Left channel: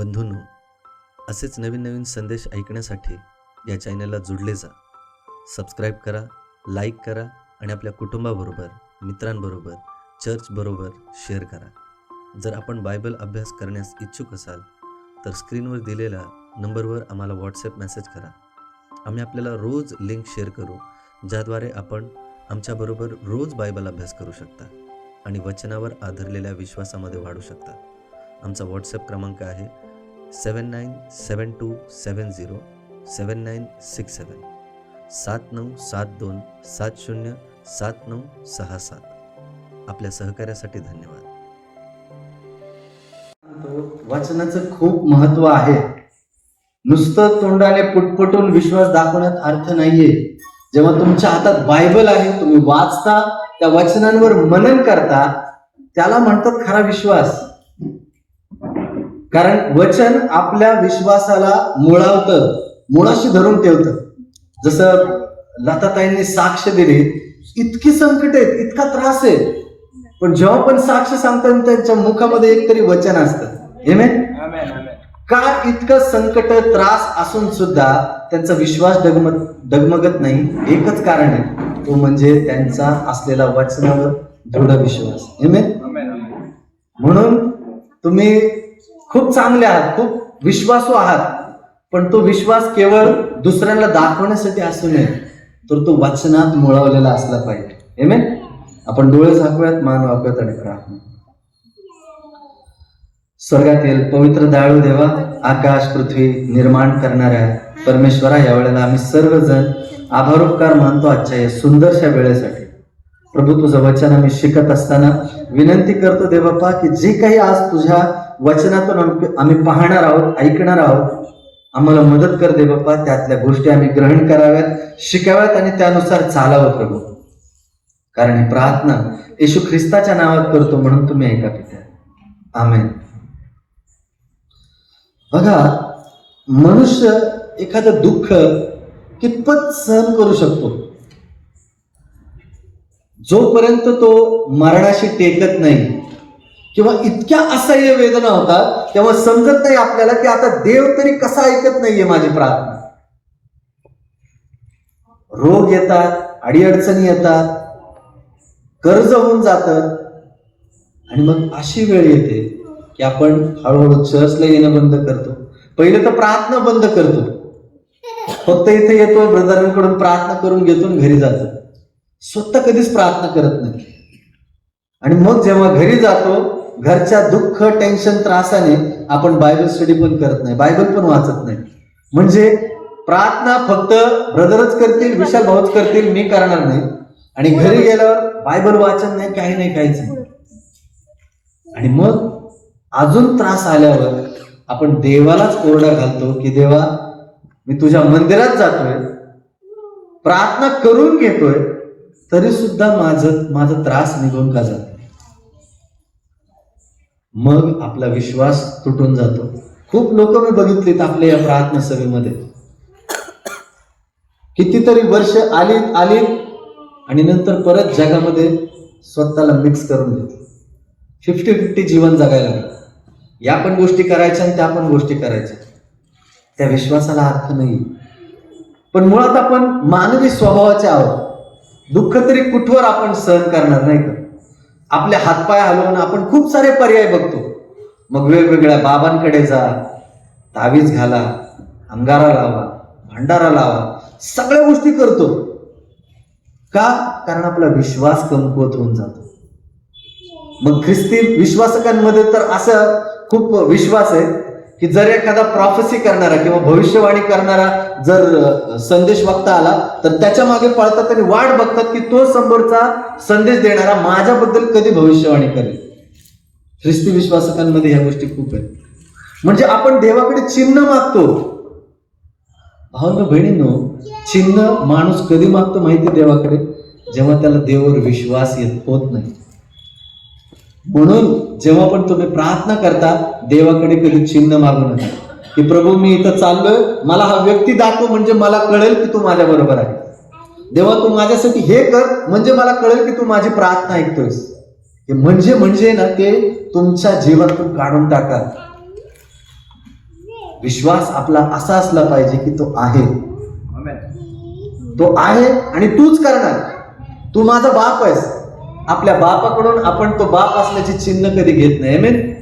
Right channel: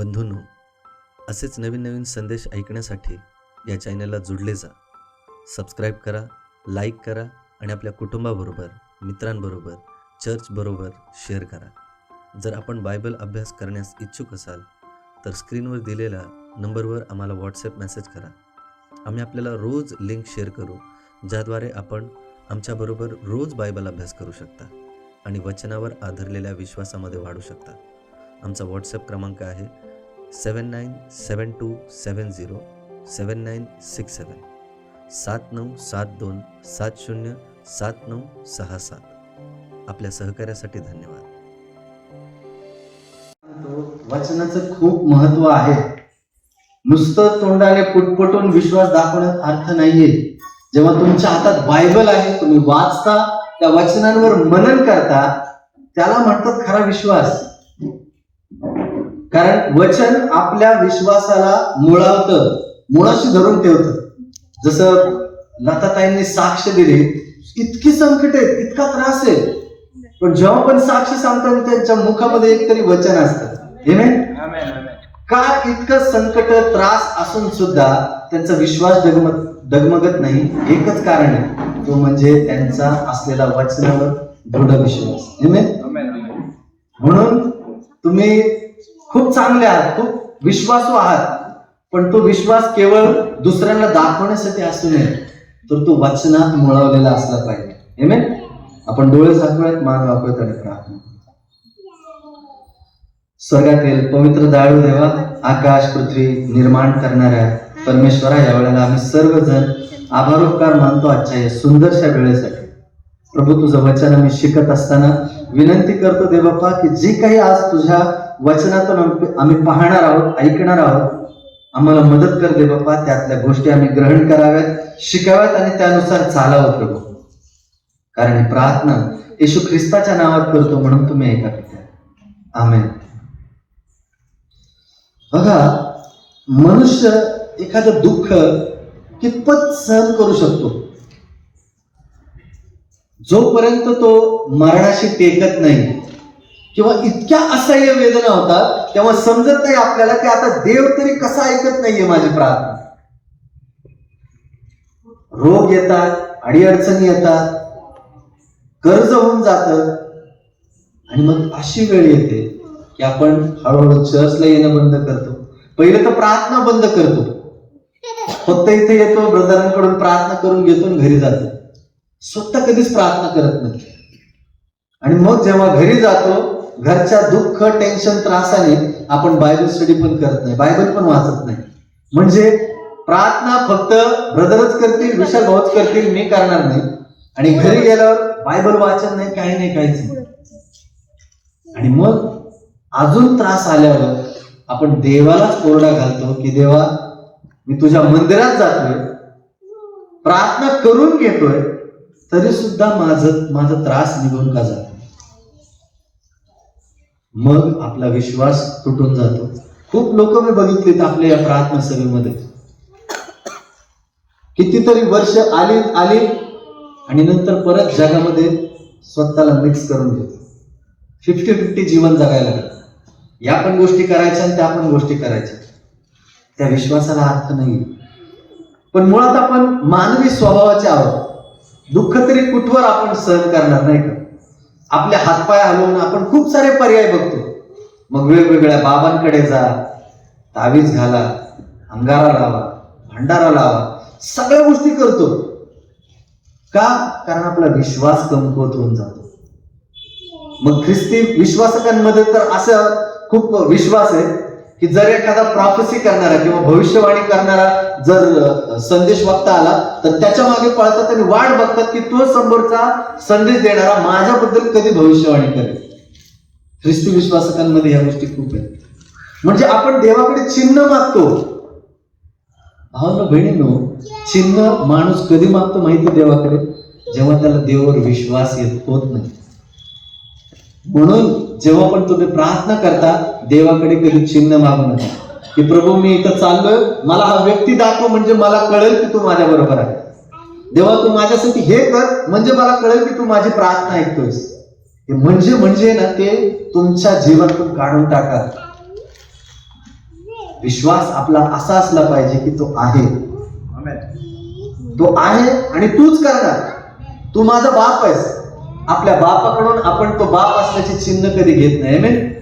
बंधूंनो, असेच नवीन नवीन संदेश ऐकण्यासाठी या चॅनलला जुडले जा. सबस्क्राईब करा, लाईक करा आणि आपल्या कुटुंबाबरोबर, मित्रांबरोबर, चर्चबरोबर शेअर करा. जर आपण बायबल अभ्यास करण्यास इच्छुक असाल तर स्क्रीनवर दिलेल्या नंबरवर आम्हाला व्हॉट्सॲप मेसेज करा. आम्ही आपल्याला रोज लिंक शेअर करू, ज्याद्वारे आपण आमच्याबरोबर रोज बायबल अभ्यास करू शकता आणि वचनावर आधारलेल्या विश्वासामध्ये वाढू शकता. आमचा व्हॉट्सॲप क्रमांक आहे 7972707967 7972707967. आपल्या सहकार्यासाठी धन्यवाद. वचनाचं खूप महत्व आहे. नुसतं तोंडाने पुटपुटून विश्वास दाखवण्यात अर्थ नाहीये. जेव्हा तुमच्या हातात बायबल आहे, तुम्ही वाचता, त्या वचनांवर मनन करता, त्याला म्हणतात खरा विश्वास. कारण वचन आपल्या विश्वासाला मुळावतं, मुळाशी धरून ठेवतं. जसं लताताईंनी साक्ष दिली, इतकी संकट आहेत, इतका त्रास आहे, पण जेव्हा पण साक्ष सांगतात त्यांच्या मुखामध्ये एक तरी वचन असतं. आमेन. का इतकं संकट त्रास असून सुद्धा त्यांचा विश्वास डगमगत नाही? एकच कारण आहे, तो म्हणजे त्यांचा असलेला वचनावर दृढ विश्वास. म्हणून तुम्ही खूप चांगले आहात, खूप विश्वासू आहात, पण तो विश्वास केवळ दुसऱ्यांना दाखवण्यासाठी असू नये, तर तो वचनात मुळवलेला असला पाहिजे. आमेन. आपण डोळे झाकूयात, मान वाकूयात आणि प्रार्थना. स्वर्गातील पवित्र दयाळू देवा, आकाश पृथ्वी निर्माण करणाऱ्या परमेश्वरा, या वेळेला आम्ही सर्वजण आभारोपकार मानतो आजच्या या सुंदरशा वेळेसाठी. प्रभू, तुझं वचन आम्ही शिकत असताना विनंती करतो देवबापा, की जे काही आज तुझ्या वचनातून आम्ही पाहणार आहोत, ऐकणार आहोत, आम्हाला मदत कर देवबापा. त्यातल्या गोष्टी आम्ही ग्रहण कराव्यात, शिकाव्यात आणि त्यानुसार चालावं प्रभू. कारण ही प्रार्थना येशू ख्रिस्ताच्या नावात करतो, म्हणून तुम्ही ऐका पित्या. आमेन. बघा, मनुष्य एखादं दुःख कितपत सहन करू शकतो? जोपर्यंत तो मरणाशी टेकत नाही किंवा इतक्या असह्य वेदना होतात, तेव्हा समजत नाही आपल्याला की आता देव तरी कसा ऐकत नाहीये माझी प्रार्थना. रोग येतात, अडीअडचणी येतात, कर्ज होऊन जातं, आणि मग अशी वेळ येते की आपण हळूहळू चर्चला येणं बंद करतो. पहिले तर प्रार्थना बंद करतो, फक्त इथे येतो, ब्रदरांकडून प्रार्थना करून घेतो आणि घरी जातो. स्वतः कधीच प्रार्थना करत नाही. आणि मग जेव्हा घरी जातो, घरच्या दुःख, टेन्शन, त्रासाने आपण बायबल स्टडी पण करत नाही, बायबल पण वाचत नाही. म्हणजे प्रार्थना फक्त ब्रदरच करतील, विशाल भाऊच करतील, मी करणार नाही. आणि घरी गेल्यावर बायबल वाचन नाही, काही नाही, काहीच नाही. आणि मग अजून त्रास आल्यावर आपण देवालाच ओरडा घालतो की देवा, मी तुझ्या मंदिरात जातोय, प्रार्थना करून घेतोय, तरी सुद्धा माझा त्रास निघून का जातो? मग आपला विश्वास तुटून जातो. खूप लोक मी बघितलीत आपल्या या प्रार्थना सभेमध्ये, कितीतरी वर्ष आली आणि नंतर परत जगामध्ये स्वतःला मिक्स करून घेतो. 50-50 जीवन जगायला लागलं. या पण गोष्टी करायच्या आणि त्या पण गोष्टी करायच्या. त्या विश्वासाला अर्थ नाही. पण मुळात आपण मानवी स्वभावाचे आहोत. दुःख तरी कुठवर आपण सहन करणार नाही का? आपले हातपाय हलवून आपण खूप सारे पर्याय बघतो. मग वेगवेगळ्या बाबांकडे जा, तावीज घाला, अंगारा लावा, भंडारा लावा, सगळ्या गोष्टी करतो. का? कारण आपला विश्वास कमकुवत होऊन जातो. मग ख्रिस्ती विश्वासकांमध्ये तर असं खूप विश्वास आहे की जर एखादा प्रॉफेसी करणारा किंवा भविष्यवाणी करणारा जर संदेश वक्ता आला, तर त्याच्या मागे पळतात आणि वाट बघतात की तो समोरचा संदेश देणारा माझ्याबद्दल कधी भविष्यवाणी करेल. ख्रिस्ती विश्वासकांमध्ये ह्या गोष्टी खूप आहेत. म्हणजे आपण देवाकडे चिन्ह मागतो. भावना बहिणींनो, चिन्ह माणूस कधी मागतो माहिती देवाकडे? जेव्हा त्याला देवावर विश्वास होत नाही. म्हणून जेव्हा पण तुम्ही प्रार्थना करता, देवाकडे कधी चिन्ह मागू नका की प्रभू, मी इथं चाललोय, मला हा व्यक्ती दाखव म्हणजे मला कळेल की तू माझ्या बरोबर आहे. देवा, तू माझ्यासाठी हे कर म्हणजे मला कळेल की तू माझी प्रार्थना ऐकतोयस. हे म्हणजे ना, ते तुमच्या जीवनातून काढून टाका. विश्वास आपला असा असला पाहिजे की तो आहे, तो आहे आणि तूच करणार, तू माझा बाप आहेस. आपल्या बापाकडून आपण तो बाप असल्याचे चिन्ह कधी घेत नाही. आमेन.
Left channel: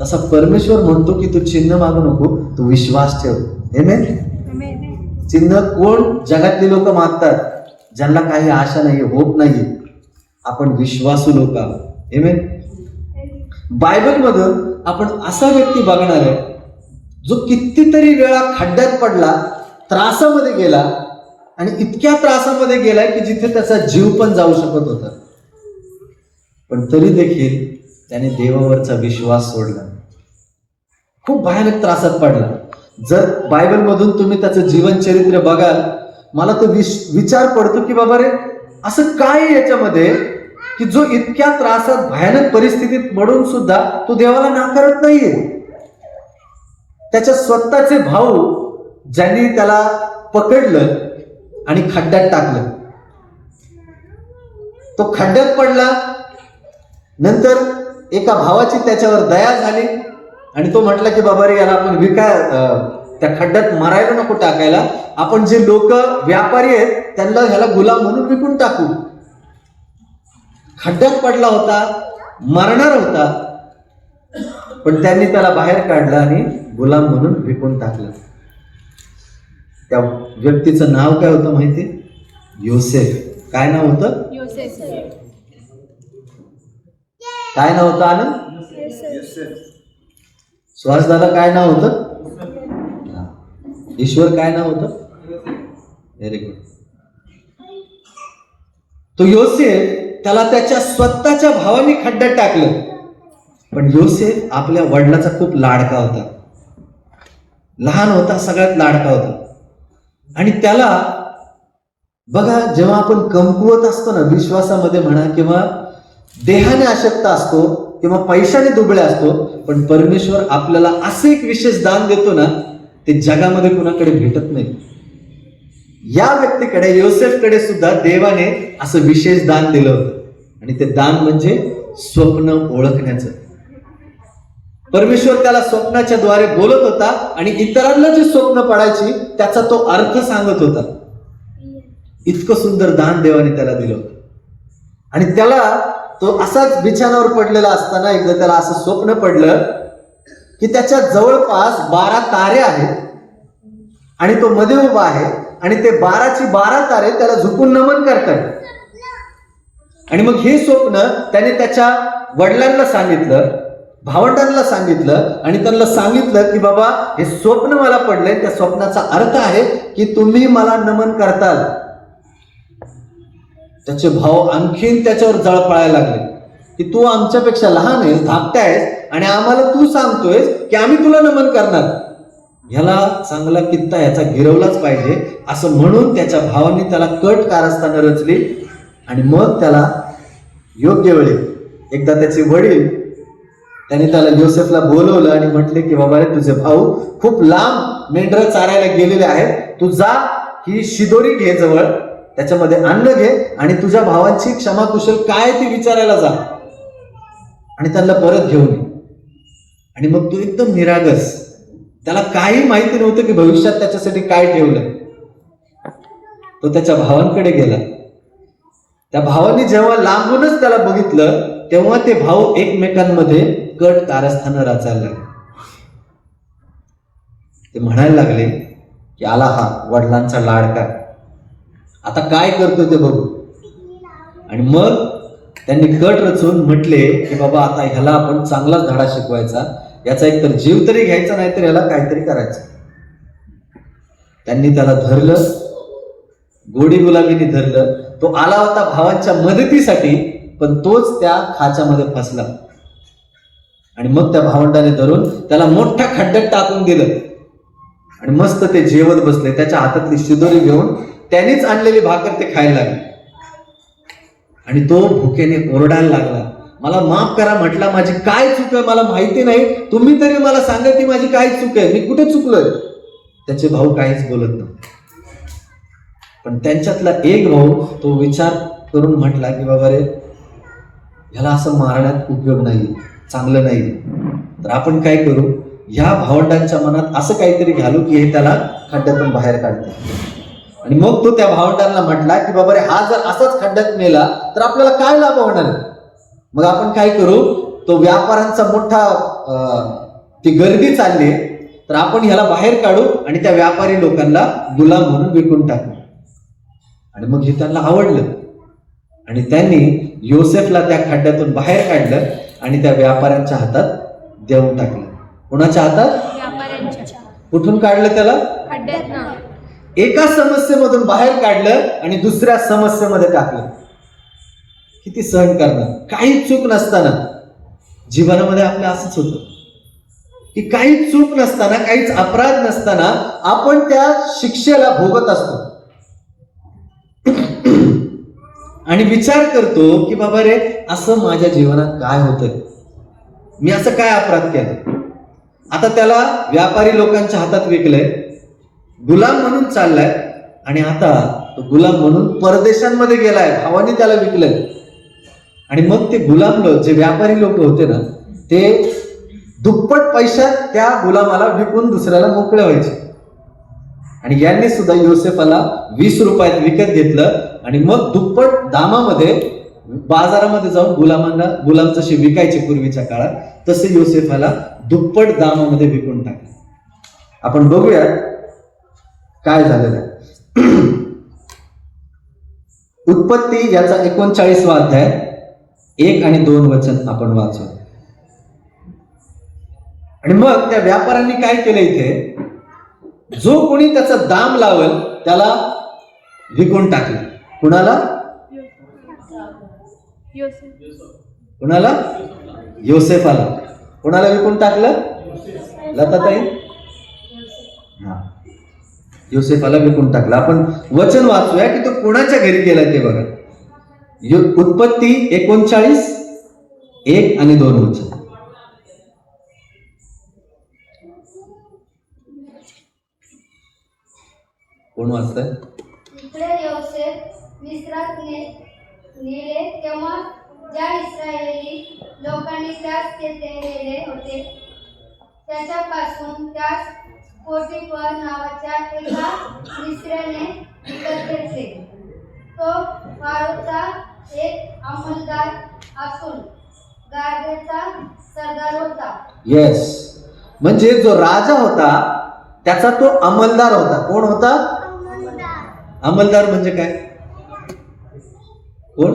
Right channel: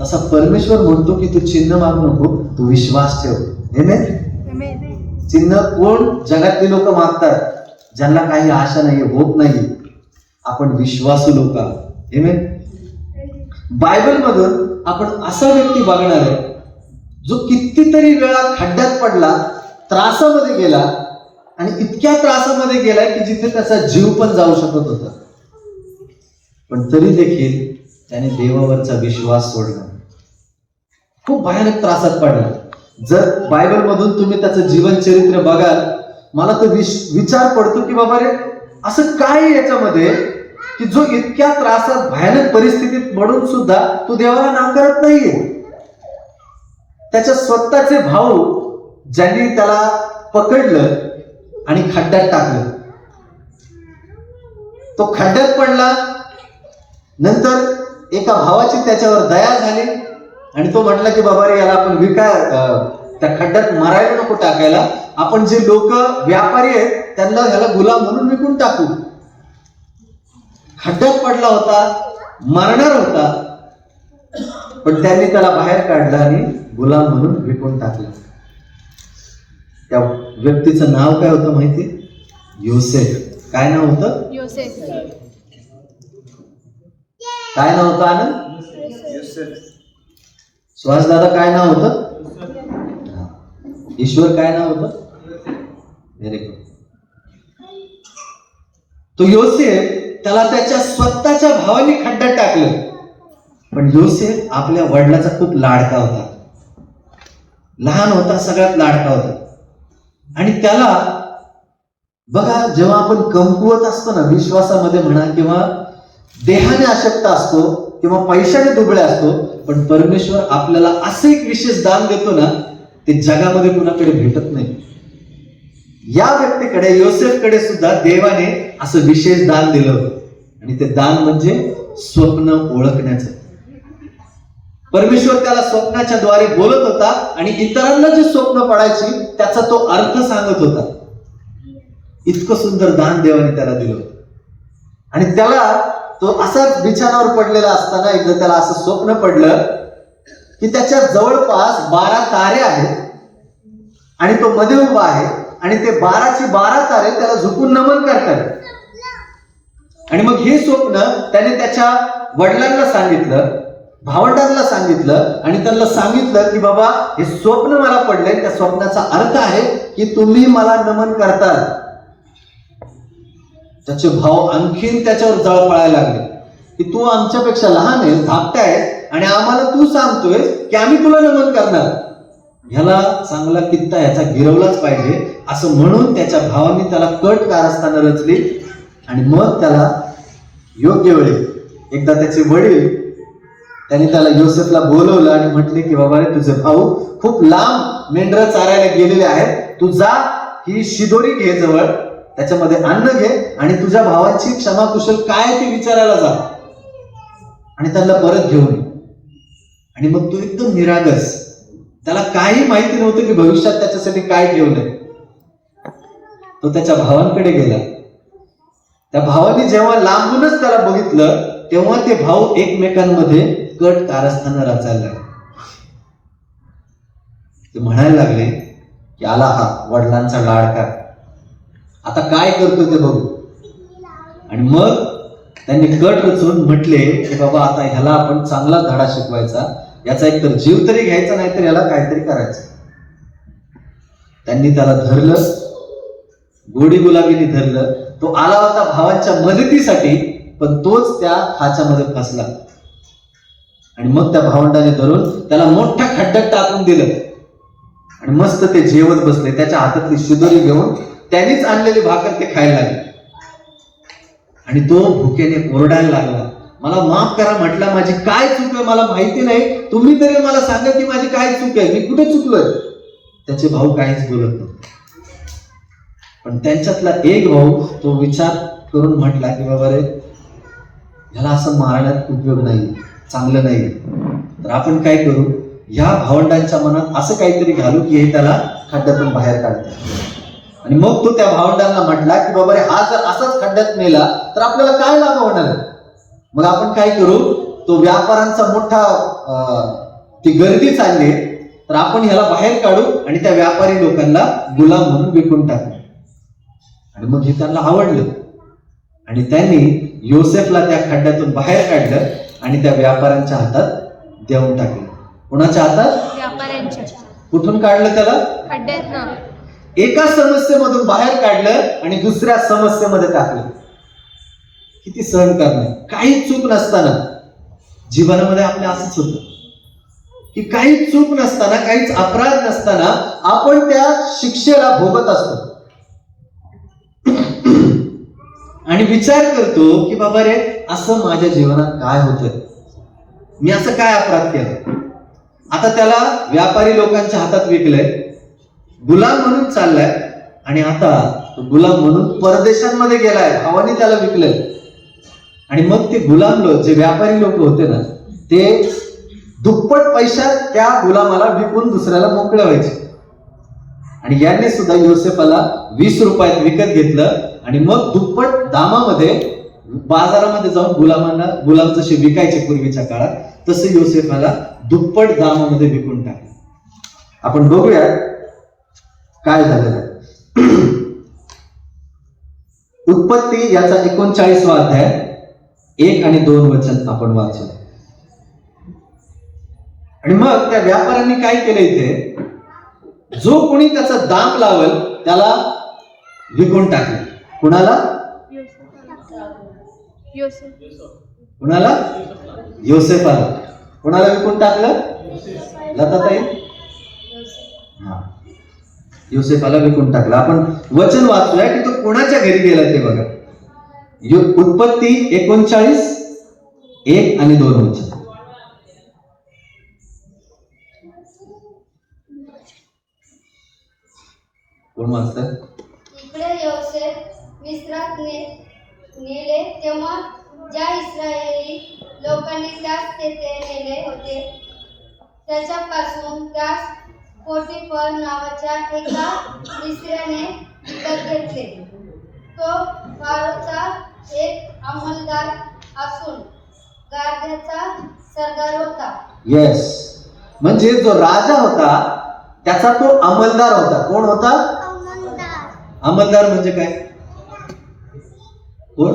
तसा परमेश्वर म्हणतो की तू चिन्ह मागू नको, तू विश्वास ठेव. आमेन. चिन्ह कोण जगातली लोक मागतात? ज्यांना काही आशा नाहीये, होप नाहीये. आपण विश्वासू लोक आहोत. आमेन. बायबल मधून आपण असा व्यक्ती बघणार आहे जो कितीतरी वेळा खड्ड्यात पडला, त्रासामध्ये गेला आणि इतक्या त्रासामध्ये गेलाय की जिथे त्याचा जीव पण जाऊ शकत होता, पण तरी देखील त्याने देवावरचा विश्वास सोडला. खूप भयानक त्रासात पडला. जर बायबल मधून तुम्ही त्याचं जीवन चरित्र बघाल, मला तो विचार पडतो की बाबा रे, असं काय आहे याच्यामध्ये की जो इतक्या त्रासात भयानक परिस्थितीत पडून सुद्धा तो देवाला नाकारत नाहीये. त्याच्या स्वतःचे भाऊ ज्यांनी त्याला पकडलं आणि खड्ड्यात टाकलं, तो खड्ड्यात पडला. नंतर एका भावाची त्याच्यावर दया झाली आणि तो म्हटला की बाबा रे, याला आपण त्या खड्ड्यात मारायला नको टाकायला, आपण जे लोक व्यापारी आहेत त्यांना ह्याला गुलाम म्हणून विकून टाकू. खड्ड्यात पडला होता, मरणार होता, पण त्यांनी त्याला बाहेर काढलं आणि गुलाम म्हणून विकून टाकलं. त्या व्यक्तीचं नाव काय होतं माहिती? योसेफ. काय नाव होतं? योसेफ. काय नाव होतं आनंद? योसेफ. सुहास दादा काय नाव होतं? ईश्वर काय नाव होतं? Very good. तो योसेफ, त्याला त्याच्या स्वतःच्या भावाने खड्ड्यात टाकलं, पण योसेफ आपल्या वडिलाचा खूप लाडका होता, लहान होता, सगळ्यात लाडका होता. आणि त्याला बघा, जेव्हा आपण कमकुवत असतो ना, विश्वासामध्ये म्हणा किंवा देहाने अशक्त असतो किंवा पैशाने दुबळे असतो, पण परमेश्वर आपल्याला असे एक विशेष दान देतो ना, ते जगामध्ये कुणाकडे भेटत नाही. या व्यक्तीकडे, योसेफकडे सुद्धा देवाने असं विशेष दान दिलं होतं, आणि ते दान म्हणजे स्वप्न ओळखण्याचं. परमेश्वर त्याला स्वप्नाच्या द्वारे बोलत होता आणि इतरांना जी स्वप्न पडायची त्याचा तो अर्थ सांगत होता. इतकं सुंदर दान देवाने त्याला दिलं होतं. आणि त्याला तो असाच बिछाणावर पडलेला असताना एकदा त्याला असं स्वप्न पडलं की त्याच्या जवळपास 12 तारे आहेत आणि तो मध्ये उभा आहे आणि ते 12ची 12 तारे त्याला झुकून नमन करतात. आणि मग हे स्वप्न त्याने त्याच्या वडिलांना सांगितलं, भावंडांना सांगितलं आणि त्यांना सांगितलं की बाबा, हे स्वप्न मला पडले, त्या स्वप्नाचा अर्थ आहे की तुम्ही मला नमन करताल. त्याचे भाऊ आणखीन त्याच्यावर जळफळायला लागले की तू आमच्यापेक्षा लहान आहेस, धाकटा आहेस आणि आम्हाला तू सांगतोय की आम्ही तुला नमन करणार. ह्याला चांगला कित्ता ह्याचा गिरवलाच पाहिजे, असं म्हणून त्याच्या भावाने त्याला कट कारस्थानं रचली. आणि मग त्याला योग्य वेळी एकदा त्याचे वडील त्यांनी त्याला योसेफला बोलवलं आणि म्हटले की बाबा रे, तुझे भाऊ खूप लांब मेंढरं चारायला गेलेले आहेत, तू जा, ही शिदोरी घे जवळ, त्याच्यामध्ये अन्न घे आणि तुझ्या भावाची क्षमाकुशल काय ते विचारायला जा आणि त्यांना परत घेऊन ये. आणि मग तू एकदम निरागस, त्याला काही माहिती नव्हतं की भविष्यात त्याच्यासाठी काय ठेवलं. तो त्याच्या भावांकडे गेला. त्या भावाने जेव्हा लांबूनच त्याला बघितलं तेव्हा ते भाऊ एकमेकांमध्ये कट कारस्थानं रचायला लागले. ते म्हणायला लागले की आला हा वडिलांचा लाडका, आता काय करतोय ते बघू. आणि मग त्यांनी कट रचून म्हटले की बाबा, आता ह्याला आपण चांगलाच धडा शिकवायचा, याचा एकतर जीव तरी घ्यायचा, नाही तर याला काहीतरी करायचं. त्यांनी त्याला धरलं, गोडी गुलाबीने धरलं. तो आला होता भावांच्या मदतीसाठी, पण तोच त्या खाच्यामध्ये फसला. आणि मग त्या भावंडाने धरून त्याला मोठ्या खड्ड्यात टाकून दिलं आणि मस्त ते जेवत बसले. त्याच्या हातातली शिदोरी घेऊन त्यांनीच आणलेली भाकर ते खायला लागले. आणि तो भुकेने ओरडायला लागला, मला माफ करा, म्हटला माझी काय चूक आहे, मला माहिती नाही, तुम्ही तरी मला सांगा की माझी काय चूक आहे, मी कुठे चुकलोय. त्याचे भाऊ काहीच बोलत नव्हते. पण त्यांच्यातला एक भाऊ तो विचार करून म्हटला की बाबा रे, ह्याला असं मारण्यात उपयोग नाही, चांगलं नाही, तर आपण काय करू, ह्या भावंडांच्या मनात असं काहीतरी घालू की हे त्याला खड्ड्यातून बाहेर काढते. आणि मग तो त्या भावंडांना म्हटला की बाबा रे, हा जर असाच खड्ड्यात मेला तर आपल्याला काय लाभ होणार आहे? मग आपण काय करू, तो व्यापाऱ्यांचा मोठा ती गर्दी चालली, तर आपण ह्याला बाहेर काढू आणि त्या व्यापारी लोकांना गुलाम म्हणून विकून टाकू. आणि मग हे त्यांना आवडलं आणि त्यांनी योसेफला त्या खड्ड्यातून बाहेर काढलं आणि त्या व्यापाऱ्यांच्या हातात देऊन टाकलं. कोणाच्या हातात? व्यापाऱ्यांच्या. कुठून काढलं त्याला? खड्ड्यातनं. एका समस्येमधून बाहेर काढलं आणि दुसऱ्या समस्येमध्ये टाकलं. किती सहन करणार? काही चूक नसताना जीवनामध्ये आपल्या असंच होतं की काही चूक नसताना, काहीच अपराध नसताना आपण त्या शिक्षेला भोगत असतो आणि विचार करतो की बाबा रे, असं माझ्या जीवनात काय होतंय, मी असं काय अपराध केला. आता त्याला व्यापारी लोकांच्या हातात विकलंय, गुलाम म्हणून चाललाय आणि आता गुलाम म्हणून परदेशांमध्ये गेलाय, भावाने त्याला विकलंय. आणि मग ते गुलाम लोक, जे व्यापारी लोक होते ना, ते दुप्पट पैशात त्या गुलामाला विकून दुसऱ्याला मोकळे व्हायचे. आणि यांनी सुद्धा योसेफाला 20 रुपयात विकत घेतलं आणि मग दुप्पट दामामध्ये बाजारामध्ये जाऊन गुलाम जसे विकायचे पूर्वीच्या काळात, तसे योसेफाला दुप्पट दामामध्ये विकून टाकले. आपण बघूया काय झालेलं आहे. उत्पत्ती याचा 39वा अध्याय 1 आणि 2 वचन आपण वाचू. आणि मग त्या व्यापाऱ्यांनी काय केलं, इथे जो कोणी त्याचा दाम लावल त्याला विकून टाकले. कुणाला? कुणाला? योसेफाला. कुणाला विकून टाकलं? लताताई? योसेफाला विकून टाकलं. आपण वचन वाचूया की तो कोणाच्या घरी गेला ते बघा. उत्पत्ती 39 1 आणि 2 वचन. कोण वाचतंय? इकडे योसेफ मिस्रात नेले तेव्हा ज्या इस्रायली लोकांनी त्यास तेथे नेले होते त्याच्यापासून त्यास पोटिफर नावाच्या एका मिस्राने विकत घेतले. तो फारोचा एक अंमलदार असून गार्ड्याचा सरदार होता. येस, म्हणजे जो राजा होता त्याचा तो अंमलदार होता. कोण होता? अंमलदार म्हणजे काय? कोण?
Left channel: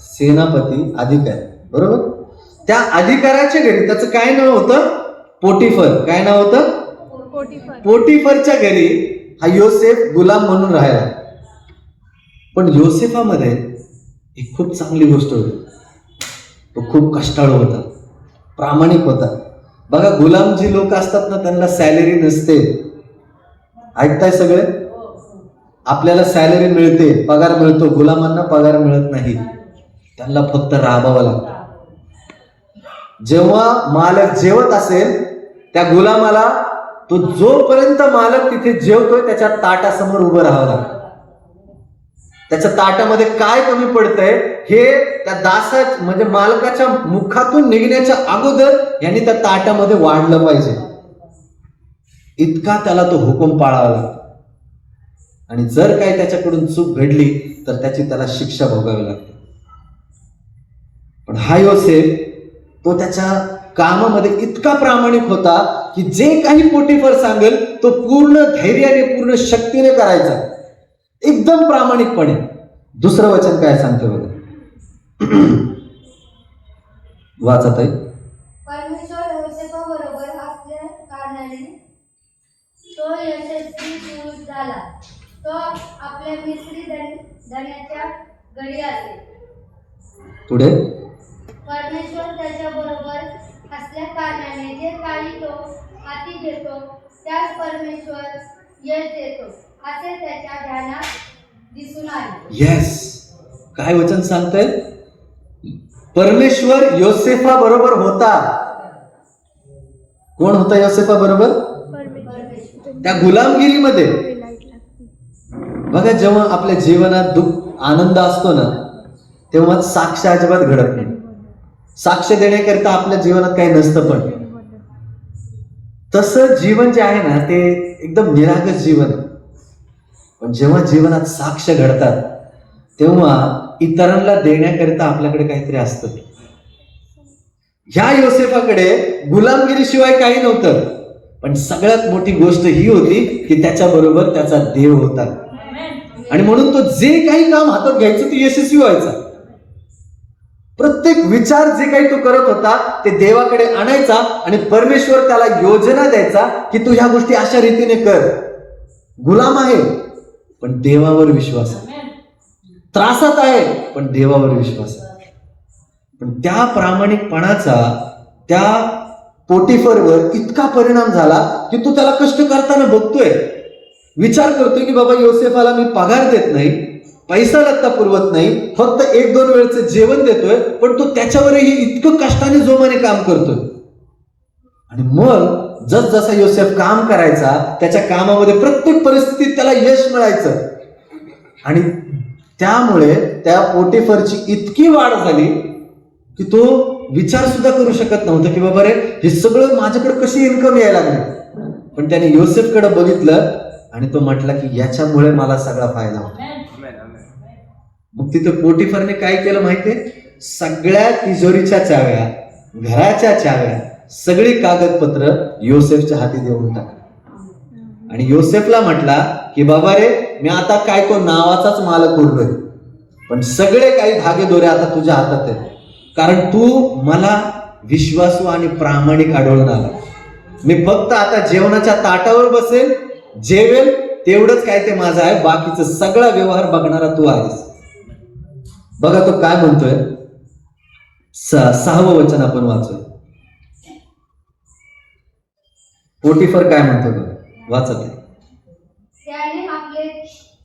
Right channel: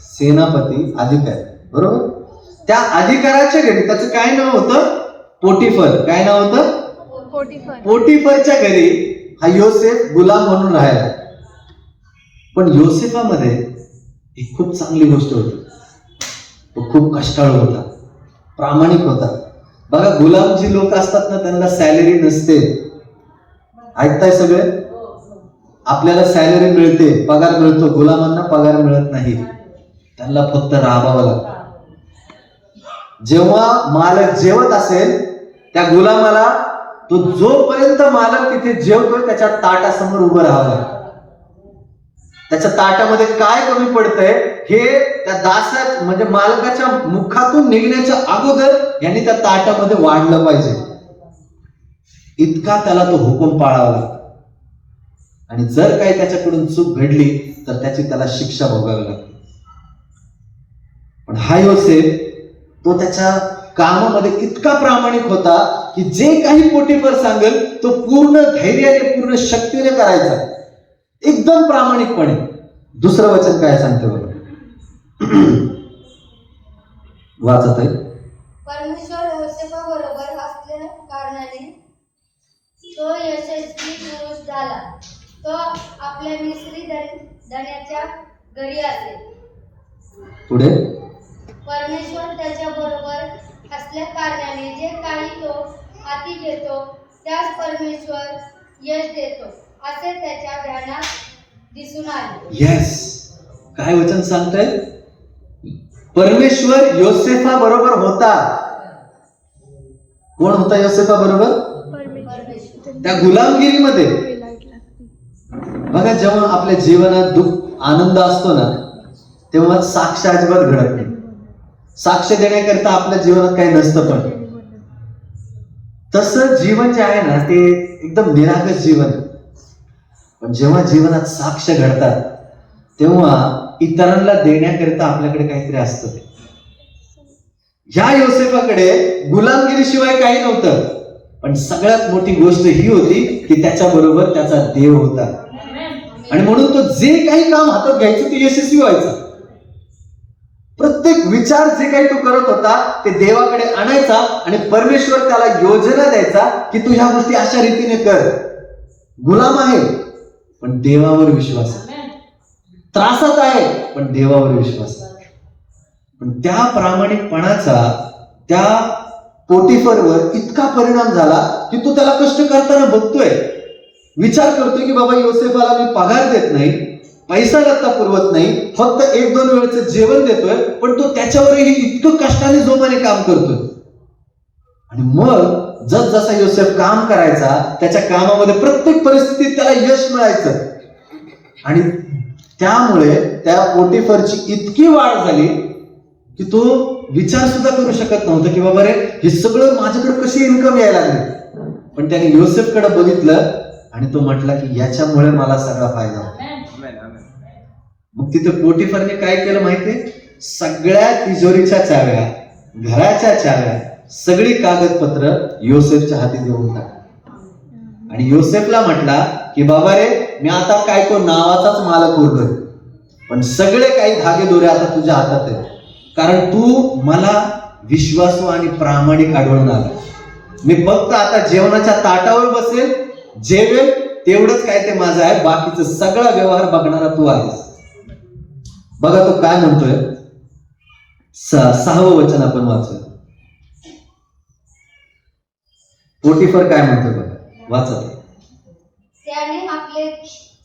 सेनापती, अधिकारी. बरोबर. त्या अधिकाऱ्याच्या घरी त्याचं काय नाव होतं? पोटिफर. काय नाव होतं? पोटिफरच्या घरी हा योसेफ गुलाम म्हणून राहिला. पण योसेफामध्ये एक खूप चांगली गोष्ट होती. तो खूप कष्टाळू होता, प्रामाणिक होता. बघा, गुलाम जी लोक असतात ना, त्यांना सॅलरी नसते. ऐकताय सगळे? आपल्याला सॅलरी मिळते, पगार मिळतो. गुलामांना पगार मिळत नाही, त्यांना फक्त राबावं लागतं. जेव्हा मालक जेवत असेल त्या गुलामाला, तो जोपर्यंत मालक तिथे जेवतोय त्याच्या ताटासमोर उभं राहावं लागतं. त्याच्या ताटामध्ये काय कमी पडतंय हे त्या दासा म्हणजे मालकाच्या मुखातून निघण्याच्या अगोदर यांनी त्या ताटामध्ये वाढलं पाहिजे. इतका त्याला तो हुकूम पाळावा लागतो. आणि जर काही त्याच्याकडून चूक घडली तर त्याची त्याला शिक्षा भोगावी लागते. पण हा योसेफ तो त्याच्या कामामध्ये इतका प्रामाणिक होता की जे काही पोटिफर सांगेल तो पूर्ण धैर्याने, पूर्ण शक्तीने करायचा, एकदम प्रामाणिकपणे. दुसरं वचन काय सांगते बघा, वाचत आहे. परमेश्वर योसेफाबरोबर असल्या कारणाने तो यशस्वी पुरुष झाला. तो आपल्या मिस्री धन्याच्या घरी आले. पुढे, परमेश्वर त्याच्या बरोबर असल्या कारणाने जे काही तो हाती घेतो त्यास परमेश्वर यश देतो असे त्याच्या ध्यानात दिसून आले. येस, काय वचन सांगतंय? परमेश्वर योसेफा बरोबर होता. कोण होता योसेफा बरोबर? त्या गुलामगिरीमध्ये. बघा, जेव्हा आपल्या जीवनात दुःख आनंद असतो ना, तेव्हा साक्ष अजिबात घडत नाही. साक्ष देण्याकरता आपल्या जीवनात काही नसतं. तसं जीवन जे आहे ना ते एकदम निरागस जीवन आहे. पण जेव्हा जीवनात साक्ष घडतात तेव्हा इतरांना देण्याकरिता आपल्याकडे काहीतरी असतं. ह्या योसेफाकडे गुलामगिरीशिवाय काही नव्हतं, पण सगळ्यात मोठी गोष्ट ही होती की त्याच्याबरोबर त्याचा देव होता. आणि म्हणून तो जे काही काम हातात घ्यायचं ते यशस्वी व्हायचा. प्रत्येक विचार जे काही तो करत होता ते देवाकडे आणायचा आणि परमेश्वर त्याला योजना द्यायचा की तू ह्या गोष्टी अशा रीतीने कर. गुलाम आहे पण देवावर विश्वास आहे, त्रासात आहे पण देवावर विश्वास आहे. पण त्या प्रामाणिकपणाचा त्या पोटिफरवर इतका परिणाम झाला की तो त्याला कष्ट करताना बघतोय, विचार करतोय की बाबा योसेफाला मी पगार देत नाही, पैसा लत्ता पुरवत नाही, फक्त 1-2 वेळचं जेवण देतोय, पण तो त्याच्यावरही इतकं कष्टाने जोमाने काम करतोय. आणि मग जसा योसेफ काम करायचा त्याच्या कामामध्ये प्रत्येक परिस्थितीत त्याला यश मिळायचं. आणि त्यामुळे त्या पोटिफरची इतकी वाढ झाली की तो विचार सुद्धा करू शकत नव्हता की बाबा रे हे सगळं माझ्याकडे कशी इन्कम यायला लागली. पण त्याने योसेफकडे बघितलं आणि तो म्हटला की याच्यामुळे मला सगळा फायदा होतो. मग तिथं पोटिफरने काय केलं माहितीये, सगळ्या तिजोरीच्या चाव्या, घराच्या चाव्या, सगळी कागदपत्र योसेफच्या हाती देऊन टाकली. आणि योसेफला म्हटला की बाबा रे मी आता काय तो नावाचाच मालक उरलोय, पण सगळे काही धागेदोरे आता तुझ्या हातात आहेत, कारण तू मला विश्वासू आणि प्रामाणिक आढळून आला. मी फक्त आता जेवणाच्या ताटावर बसेल, जेवेल, तेवढंच काय ते माझं आहे, बाकीचं सगळा व्यवहार बघणारा तू आहेस. बघा तो काय म्हणतोय, 6वं वचन आपण वाचूया. पोटिफर काय म्हणतोय बघा, वाचा ते. त्याने आपले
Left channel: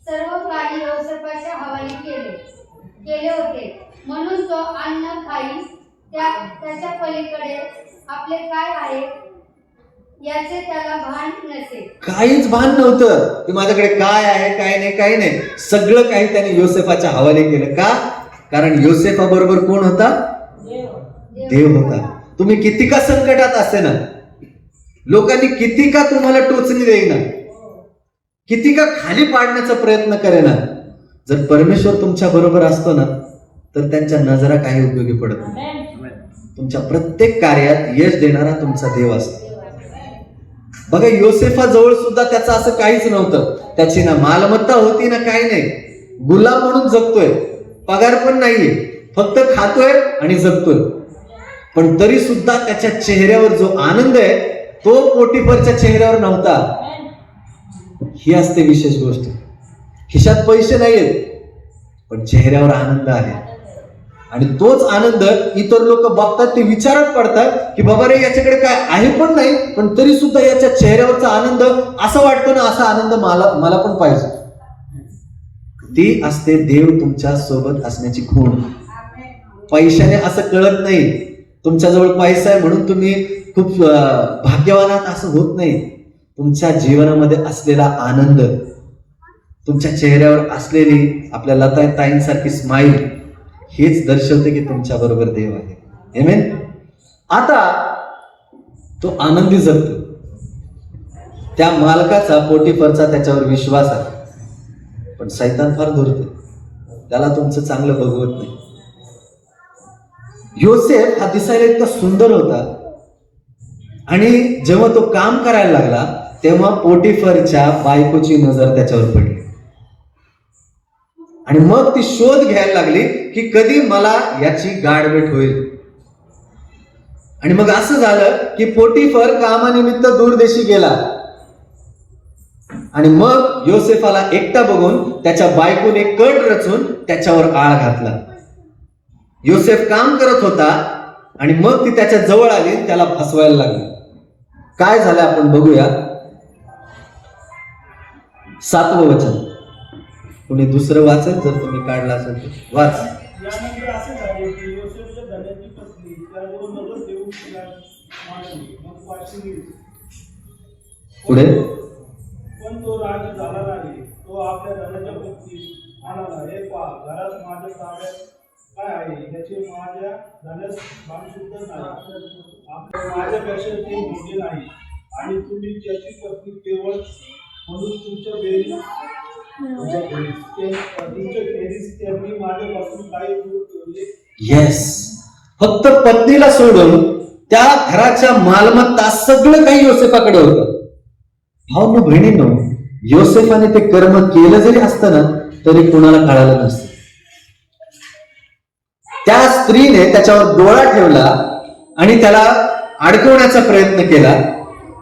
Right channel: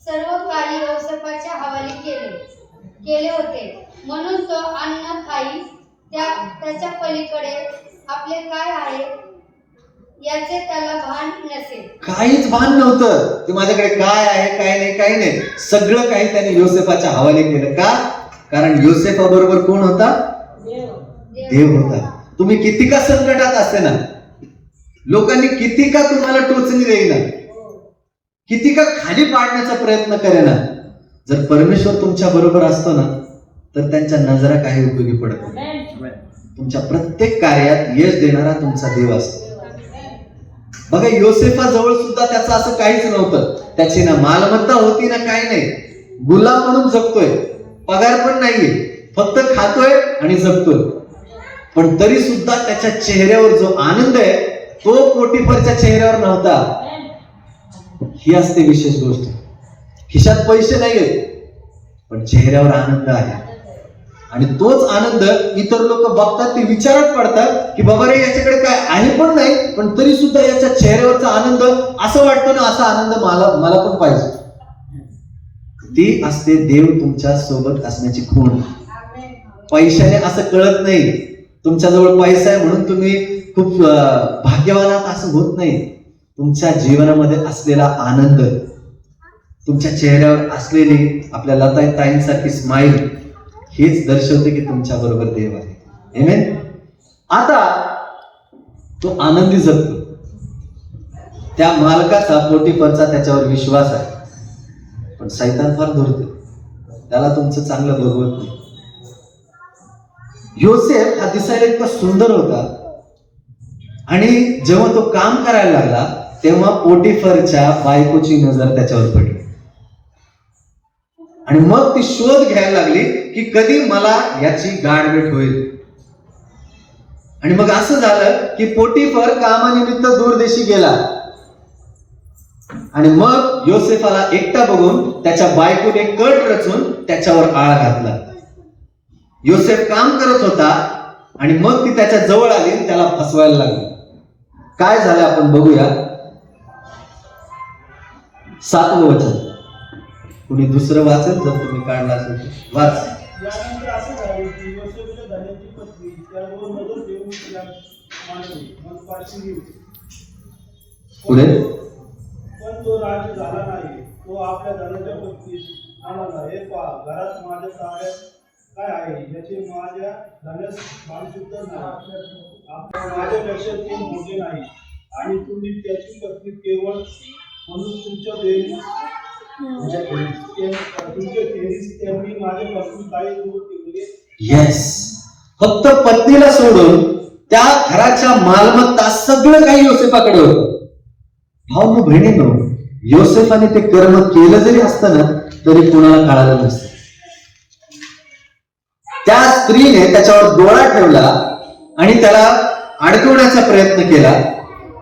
सर्व काही योसेफाच्या हवाली केले होते, म्हणून तो अन्न खाई त्याच्या पलीकडे आपले काय आहे याचे त्याला भान नसे. काहीच भान नव्हतं की माझ्याकडे काय आहे काय नाही, काही नाही. सगळं काही त्याने योसेफाच्या हवाले केलं. का? कारण योसेफा बरोबर कोण होता? देव होता. तुम्ही किती का संकटात असे ना, लोकांनी किती का तुम्हाला टोचणी देईना, किती का खाली पाडण्याचा प्रयत्न करेना, जर परमेश्वर तुमच्या बरोबर असतो ना तर त्यांच्या नजरा काही उपयोगी पडत नाही. तुमच्या प्रत्येक कार्यात यश देणारा तुमचा देव असतो. बघा योसेफा जवळ सुद्धा त्याचं असं काहीच नव्हतं. त्याची ना मालमत्ता होती ना काही नाही. गुलाम म्हणून जगतोय, पगार पण नाहीये, फक्त खातोय आणि जगतोय. पण तरी सुद्धा त्याच्या चेहऱ्यावर जो आनंद आहे तो पोटिफरच्या चेहऱ्यावर नव्हता. ही असते विशेष गोष्ट. खिशात पैसे नाहीयेत पण चेहऱ्यावर आनंद आहे. आणि तोच आनंद इतर लोक बघतात, ते विचारात पडतात की बाबा रे याच्याकडे काय आहे पण नाही, पण तरी सुद्धा याच्या चेहऱ्यावरचा आनंद असं वाटतो ना, असा आनंद मला पण पाहिजे. ती असते देव तुमच्या सोबत असण्याची खूण. पैशाने असं कळत नाही. तुमच्याजवळ पैसा आहे म्हणून तुम्ही खूप भाग्यवान आहात असं होत नाही. तुमच्या जीवनामध्ये असलेला आनंद, तुमच्या चेहऱ्यावर असलेली आपल्या लता ताईंसारखी स्माईल हेच दर्शवते की तुमच्या बरोबर देव आहे. आमेन. आता तो आनंदी जगतो. त्या मालकाचा, पोटिफरचा त्याच्यावर विश्वास आहे. पण शैतान फार धूर्त, त्याला तुमचं चांगलं बघवत नाही. योसेफ हा दिसायला इतका सुंदर होता आणि जेव्हा तो काम करायला लागला तेव्हा पोटिफरच्या बायकोची नजर त्याच्यावर पडली. आणि मग ती शोध घ्यायला लागली की कधी मला याची गाठभेट होईल. आणि मग असं झालं की पोटिफर कामानिमित्त दूरदेशी गेला आणि मग योसेफाला एकटा बघून त्याच्या बायकोने कट रचून त्याच्यावर आळ घातला. योसेफ काम करत होता आणि मग ती त्याच्या जवळ आली आणि त्याला फसवायला लागली. काय झालं आपण बघूया. 7वं वचन. कुणी दुसरं वाचेल जर तुम्ही काढला असेल तर वाच. यानंतर असे झाले की योसेफच्या धन्याची पत्नी त्यावर नजर देऊन तिला मानली, मग पाशी गेली. पुढे. पण तो राजी झाला नाही. तो आपल्या धन्याच्या पत्नीस म्हणाला, हे पहा, घरात माझ्या ताब्यात काय आहे याचे माझ्या धन्यास भान सुद्धा नाही. माझ्यापेक्षा ते मोठे नाही. आणि तुम्ही त्याची पत्नी केवळ म्हणून तुमच्या खेरीज त्यांनी माझ्यापासून काही दूर ठेवले. येस, फक्त पत्नीला सोडून त्या घराच्या मालमत्ता सगळं काही योसेफाकडे होतं. भाऊ बहिणींनो, योसेफाने ते कर्म केलं जरी असतं ना तरी कोणाला कळालं नसतं. त्या स्त्रीने त्याच्यावर डोळा ठेवला आणि त्याला अडकवण्याचा प्रयत्न केला.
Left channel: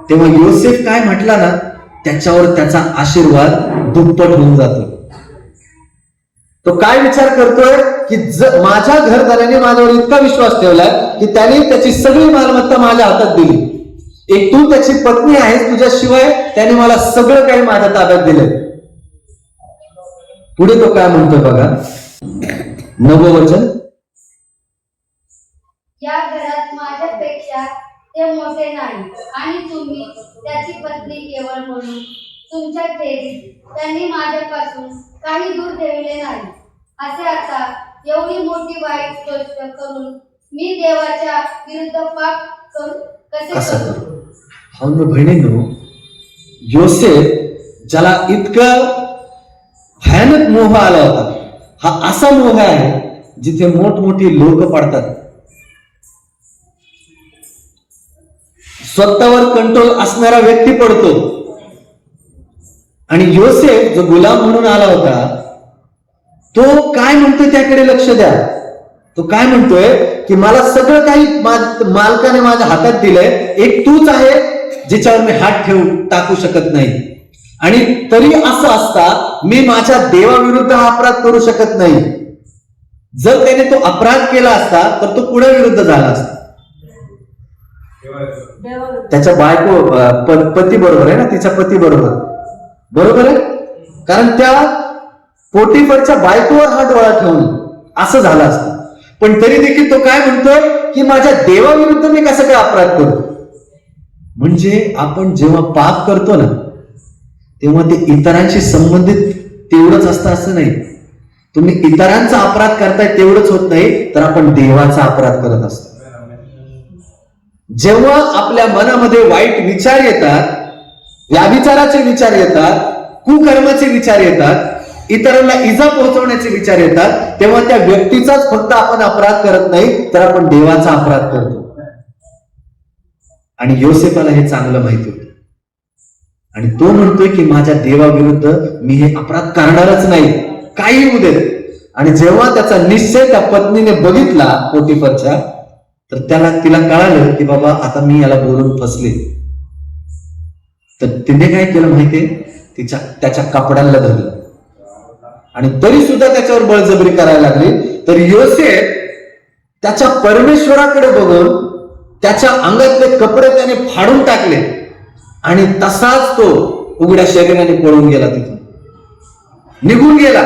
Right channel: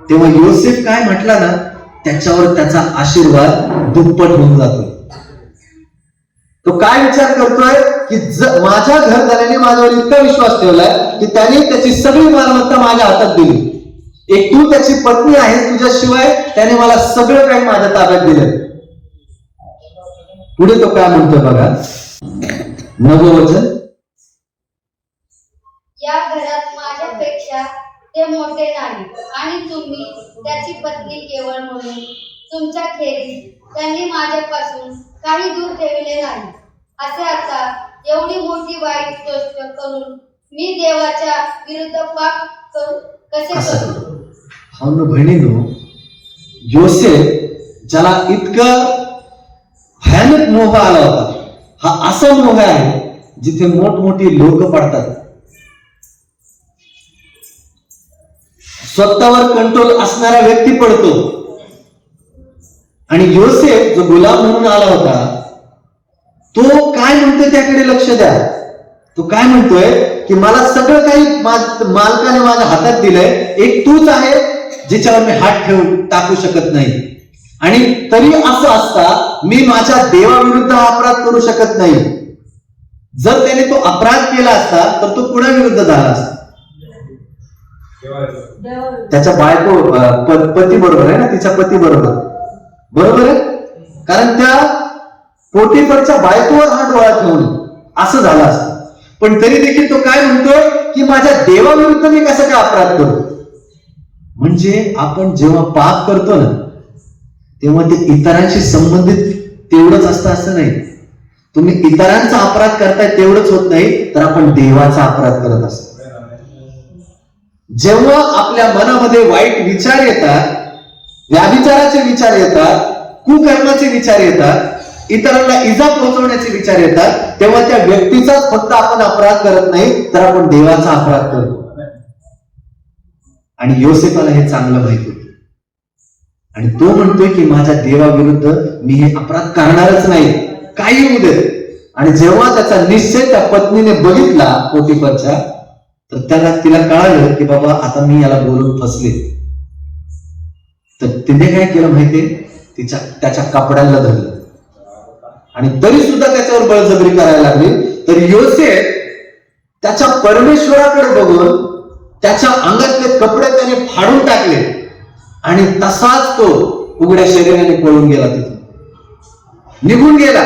तेव्हा योसेफ काय म्हटला ना, त्याच्यावर त्याचा आशीर्वाद दुप्पट होऊन जातो. तो काय विचार करतोय की माझ्या घरदाराने माझ्यावर इतका विश्वास ठेवलाय की त्याने त्याची सगळी मालमत्ता माझ्या हातात दिली. एक तू त्याची पत्नी आहेस, तुझ्याशिवाय त्याने मला सगळं काही माझ्या ताब्यात दिलंय. पुढे तो काय म्हणतो बघा, 9वं वचन. या घरात माझ्यापेक्षा ते मोठे नाही आणि तुम्ही त्याची पत्नी केवळ म्हणून तुमच्या खेरीज त्यांनी माझ्यापासून काही दूर ठेवले नाही. असे आता एवढी मोठी वाईट गोष्ट करून मी देवाच्या विरुद्ध पाप कसे करू? हा ना बहिणींनो, योसेफ ज्याला इतका भयानक मोह आला होता, हा असा मोह आहे जिथे मोठमोठी लोक पडतात. स्वतःवर कंट्रोल असणारा व्यक्ती पडतो. आणि योसेफ जो गुलाम म्हणून आला होता, तो काय म्हणतोय त्याकडे लक्ष द्या. तो काय म्हणतोय की मला सगळं काही मालकाने माझ्या हातात दिलंय, एक तूच आहे जिच्यावर मी हात टाकू शकत नाही. आणि तरी असं असता मी माझ्या देवाविरुद्ध हा अपराध करू शकत नाही. जर त्याने तो अपराध केला असता तर तो कुणाविरुद्ध झाला असता? त्याच्या बायको पती बरोबर आहे ना, तिच्या पती बरोबर आहे. कारण त्या पोटिफरच्या बायकोवर हा डोळा ठेवून असं झालं असतं. पण तरी देखील तो काय म्हणतोय की माझ्या देवाविरुद्ध मी कसं काय अपराध करू? म्हणजे आपण जेव्हा पाप करतो ना तेव्हा ते इतरांशी संबंधित तेवढंच असतं असं नाही. तुम्ही इतरांचा अपराध करताय तेवढंच होत नाही, तर आपण देवाचा अपराध करत असतो. जेव्हा आपल्या मनामध्ये वाईट विचार येतात, व्याभिचाराचे विचार येतात, कुकर्माचे विचार येतात, इतरांना इजा पोहोचवण्याचे विचार येतात, तेव्हा त्या व्यक्तीचाच फक्त आपण अपराध करत नाही, तर आपण देवाचा अपराध करतो. आणि योसेफाला हे चांगलं माहिती होतं आणि तो म्हणतोय की माझ्या देवाविरुद्ध मी हे अपराध करणारच नाही, काही होऊ दे. आणि जेव्हा त्याचा निश्चय त्या पत्नीने बघितला पोटिफरच्या, तर तिला कळालं की बाबा आता मी याला बोलून फसले. तर तिने काय केलं माहितीये, त्याच्या कपड्याला धरलं आणि तरी सुद्धा त्याच्यावर बळजबरी करायला लागली. तर योसेफ त्याच्या परमेश्वराकडे बघून त्याच्या अंगातले कपडे त्याने फाडून टाकले आणि तसाच तो उघड्या शरीराने पळून गेला, तिथून निघून गेला.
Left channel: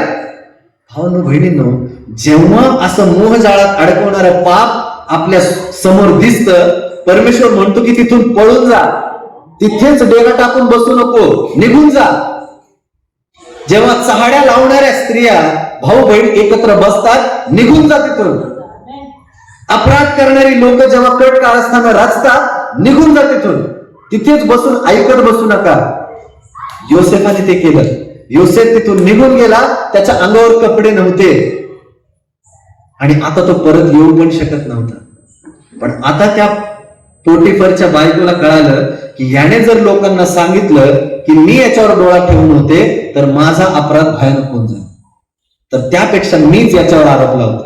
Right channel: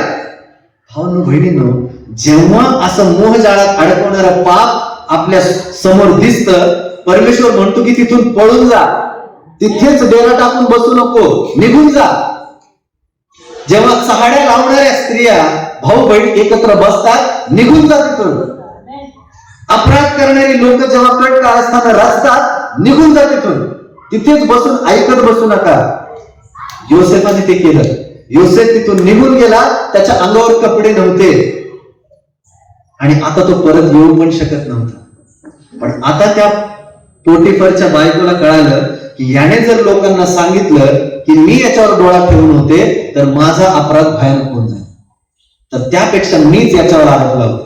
भावांनो बहिणींनो, जेव्हा असं मोहजाळात अडकवणारं पाप आपल्या समोर दिसतं, परमेश्वर म्हणतो की तिथून पळून जा, तिथेच डेरा टाकून बसू नको, निघून जा. जेव्हा चहाड्या लावणाऱ्या स्त्रिया भाऊ बहीण एकत्र बसतात, निघून जा तिथून. अपराध करणारी लोक जेव्हा कट काळस्थाना रचतात, निघून जा तिथून, तिथेच बसून ऐकत बसू नका. योसेफाने ते केलं. योसेफ तिथून निघून गेला, त्याच्या अंगावर कपडे नव्हते आणि आता तो परत येऊ पण शकत नव्हता. पण आता त्या पोटिफरच्या बायकोला कळालं की याने जर लोकांना सांगितलं की मी याच्यावर डोळा ठेवून होते तर माझा अपराध भयानक होऊन जाईल, तर त्यापेक्षा मीच याच्यावर आरोप लावते.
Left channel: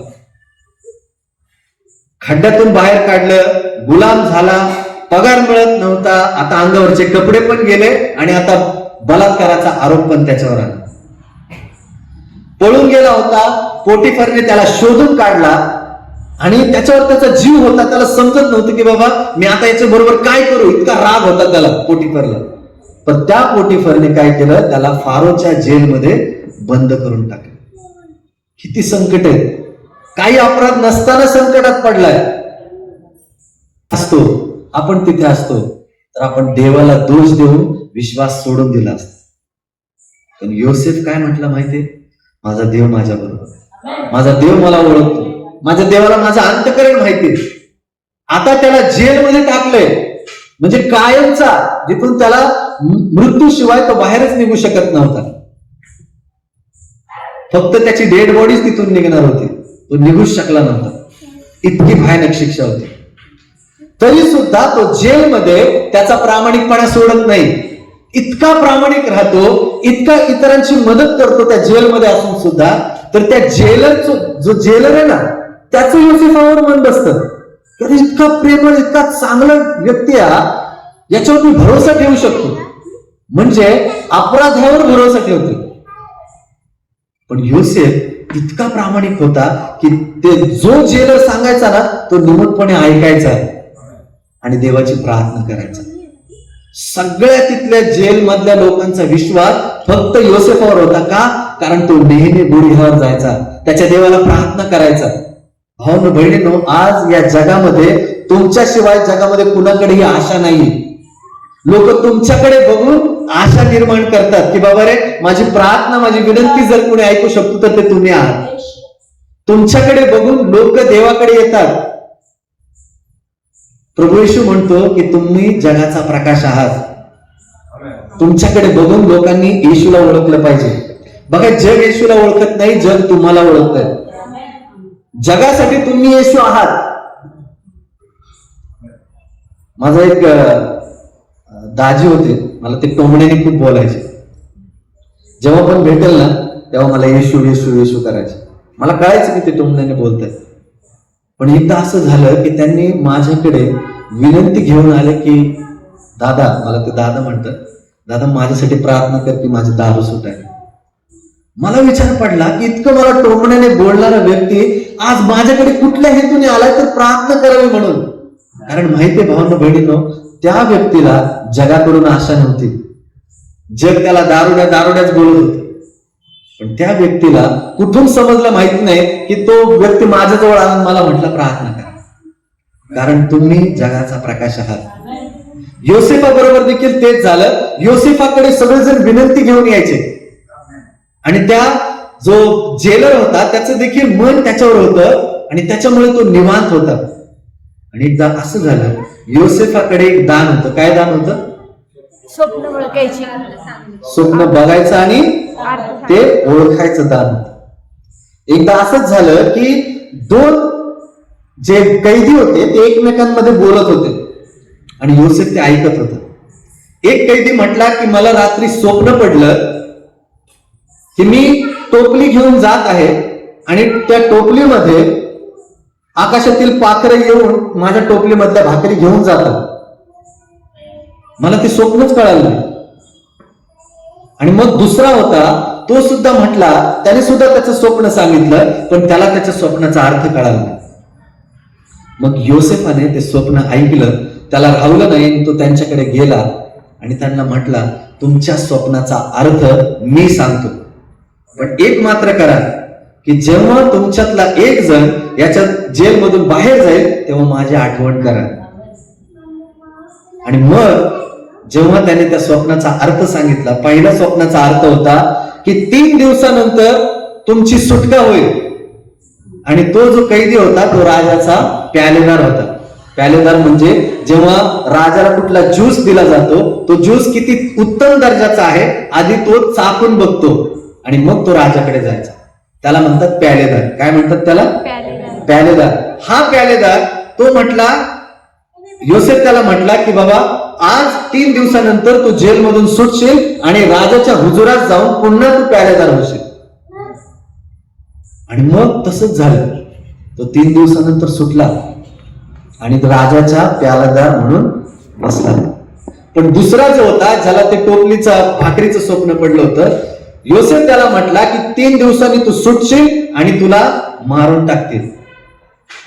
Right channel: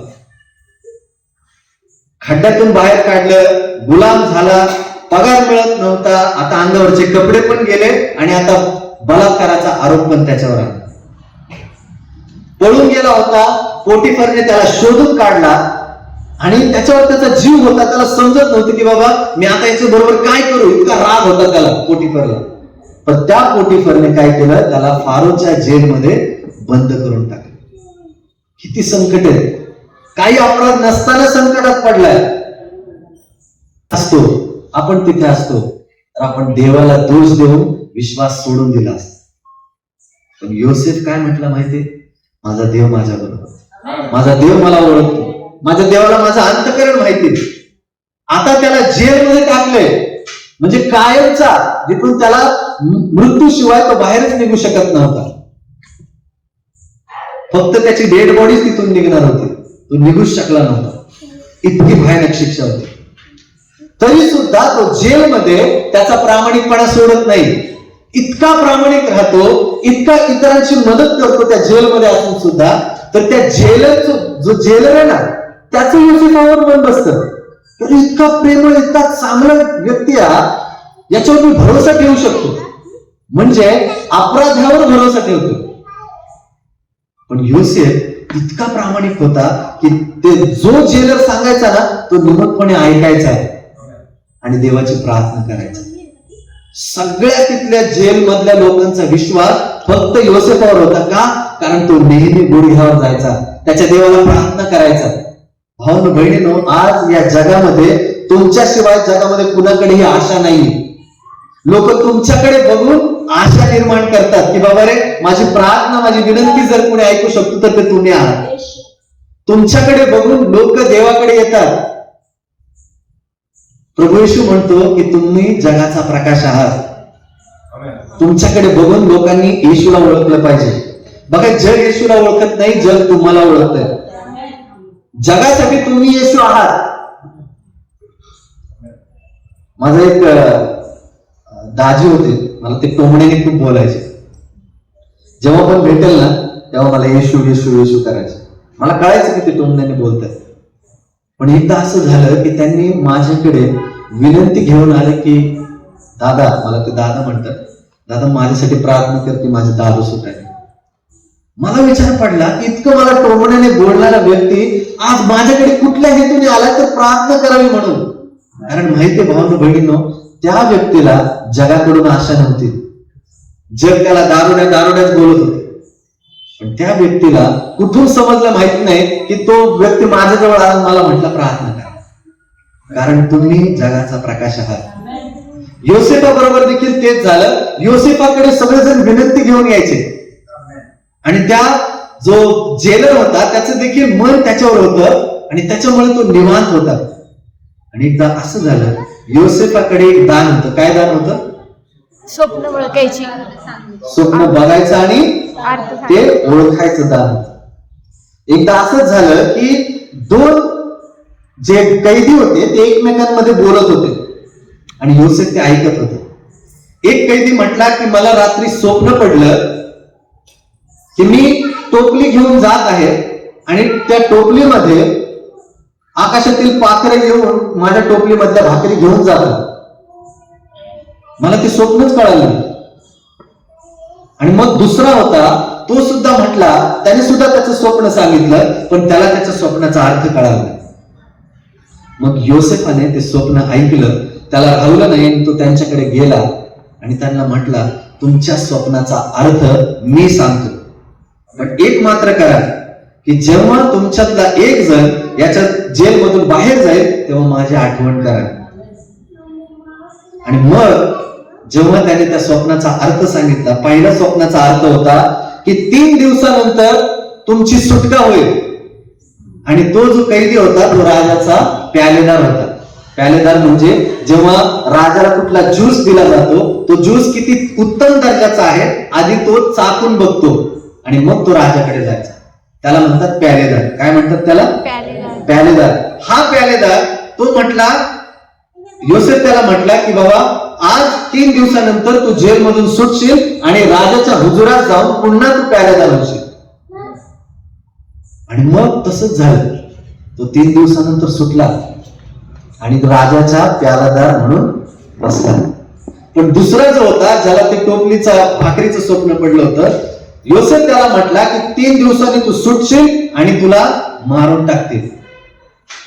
खड्ड्यातून बाहेर काढलं, गुलाम झाला, पगार मिळत नव्हता, आता अंगावरचे कपडे पण गेले आणि आता बलात्काराचा आरोप पण त्याच्यावर आला. पळून गेला होता, पोटिफरने त्याला शोधून काढला आणि त्याच्यावर त्याचा जीव होता. त्याला समजत नव्हतं की बाबा मी आता याच्या बरोबर काय करू, इतका राग होता त्याला पोटिफरला. पण त्या पोटिफरने काय केलं, त्याला फारोच्या जेलमध्ये बंद करून टाकलं. किती संकट आहे, काही अपराध नसताना संकटात पडलाय असतो, आपण तिथे असतो तर आपण देवाला दोष देऊन विश्वास सोडून दिला असतो. पण योसेफ काय म्हटलं माहितीये, माझा देव माझ्या बरोबर, माझा देव मला ओळखतो, माझ्या देवाला माझं अंतःकरण माहिती. आता त्याला जेलमध्ये टाकलंय, म्हणजे कायमचा, जिथून त्याला मृत्यूशिवाय तो बाहेरच निघू शकत नव्हता. फक्त त्याची डेड बॉडीच तिथून निघणार होती, तो निघूच शकला नव्हता. इतकी भयानक शिक्षा होती. तरी सुद्धा तो जेलमध्ये त्याचा प्रामाणिकपणा सोडत नाही. इतका प्रामाणिक राहतो, इतका इतरांची मदत करतो त्या जेलमध्ये असून सुद्धा. तर त्या जेलरचं, जो जेलर आहे ना, त्याचं योसेफावर मन बसतं. इतका प्रेमळ, इतका चांगला व्यक्ती याच्यावर मी भरोसा ठेवू शकतो. म्हणजे अपराध्यावर भरोसा ठेवतो. पण योसेफ इतका प्रामाणिक होता की ते जो जेलर सांगायचा ना, तो निमूटपणे ऐकायचा आणि देवाची प्रार्थना करायचा. सगळ्या तिथल्या जेल मधल्या लोकांचा विश्वास फक्त योसेफावर होता. का? कारण तो नेहमी गुढीवर जायचा, त्याच्या देवाला प्रार्थना करायचा. भाऊ बहिणींनो, आज या जगामध्ये तुमच्याशिवाय जगामध्ये कुणाकडेही आशा नाही. लोक तुमच्याकडे बघून आशा निर्माण करतात की बाबा रे, माझी प्रार्थना, माझी विनंती जर कोणी ऐकू शकतो तर ते तुम्ही आहात. तुमच्याकडे बघून लोक देवाकडे येतात. प्रभू येशू म्हणतो की तुम्ही जगाचा प्रकाश आहात. तुमच्याकडे बघून लोकांनी येशूला ओळखलं पाहिजे. बघा, जग येशूला ओळखत नाही, जग तुम्हाला ओळखतंय. जगासाठी तुम्ही येशू आहात. माझा एक दाजी होते, मला ते टोमण्याने खूप बोलायचे. जेव्हा पण भेटेल ना, तेव्हा मला येशू येशू येशू करायचे. मला कळायचं की ते टोमण्याने बोलतात. पण एकदा असं झालं की त्यांनी माझ्याकडे विनंती घेऊन आले की दादा, मला ते दादा म्हणतात, दादा माझ्यासाठी प्रार्थना कर की माझे दारू सुटायला. मला विचार पडला की इतकं मला टोमण्याने बोलणारा व्यक्ती आज माझ्याकडे कुठल्या हेतूने आलाय तर प्रार्थना करावी म्हणून. कारण माहितीये भावांनो बहिणींनो, त्या व्यक्तीला जगाकडून आशा नव्हती. जग त्याला दारुड्याच बोलत होते. पण त्या व्यक्तीला कुठून समजलं माहिती नाही की तो व्यक्ती माझ्याजवळ आला, मला म्हटला प्रार्थना करा, कारण तुम्ही जगाचा प्रकाश आहात. योसेफा बरोबर देखील तेच झालं. योसेफाकडे सगळेजण विनंती घेऊन यायचे आणि त्या जो जेलर होता त्याचं देखील मन त्याच्यावर होतं आणि त्याच्यामुळे तो निवांत होता. आणि एकदा असं झालं, योसेफाकडे एक दान होतं. काय दान होतं? स्वप्न ओळखायची, स्वप्न बघायचं आणि ते ओळखायचं दान होतं. एकदा असंच झालं की दोन जे कैदी होते ते एकमेकांमध्ये बोलत होते आणि योसेफ ते ऐकत होते. एक कैदी म्हटला की मला रात्री स्वप्न पडलं की मी टोपली घेऊन जात आहे आणि त्या टोपलीमध्ये आकाशातील पाखरे येऊन माझ्या टोपलीमधल्या भाकरी घेऊन जातात. मला ते स्वप्नच कळालं नाही. आणि मग दुसरा होता, तो सुद्धा म्हटला, त्याने सुद्धा त्याचं स्वप्न सांगितलं, पण त्याला त्याच्या स्वप्नाचा अर्थ कळाला नाही. मग योसेफाने ते स्वप्न ऐकलं, त्याला राहवलं नाही, तो त्यांच्याकडे गेला आणि त्यांना म्हटला, तुमच्या स्वप्नाचा अर्थ मी सांगतो, पण एक मात्र करा की जेव्हा तुमच्यातला एक जण याच्या जेलमधून बाहेर जाईल तेव्हा माझी आठवण करा. आणि मग जेव्हा त्याने त्या स्वप्नाचा अर्थ सांगितला, पहिल्या स्वप्नाचा अर्थ होता की 3 दिवसानंतर तुमची सुटका होईल. आणि तो जो कैदी होता तो राजाचा प्यालेदार होता. प्यालेदार म्हणजे जेव्हा राजाला कुठला ज्यूस दिला जातो, तो ज्यूस किती उत्तम दर्जाचा आहे आधी तो चाखून बघतो आणि मग तो राजाकडे जायचा. त्याला म्हणतात प्यालेदार. काय म्हणतात त्याला? प्यालेदार. हा प्यालेदार तो म्हटला, योसेफ त्याला म्हटला की बाबा आज 3 दिवसानंतर तू जेलमधून सुटशील आणि राजाच्या हुजुरात जाऊन पुन्हा तू प्यालेदार होशील. आणि मग तसंच झालं. तो 3 दिवसानंतर सुटला आणि राजाच्या प्यालेदार म्हणून बसला. पण दुसरा जो होता, ज्याला ते टोपलीचा भाकरीचं स्वप्न पडलं होतं, योसेफ त्याला म्हटला की 3 दिवसांनी तू सुटशील आणि तुला मारून टाकतील.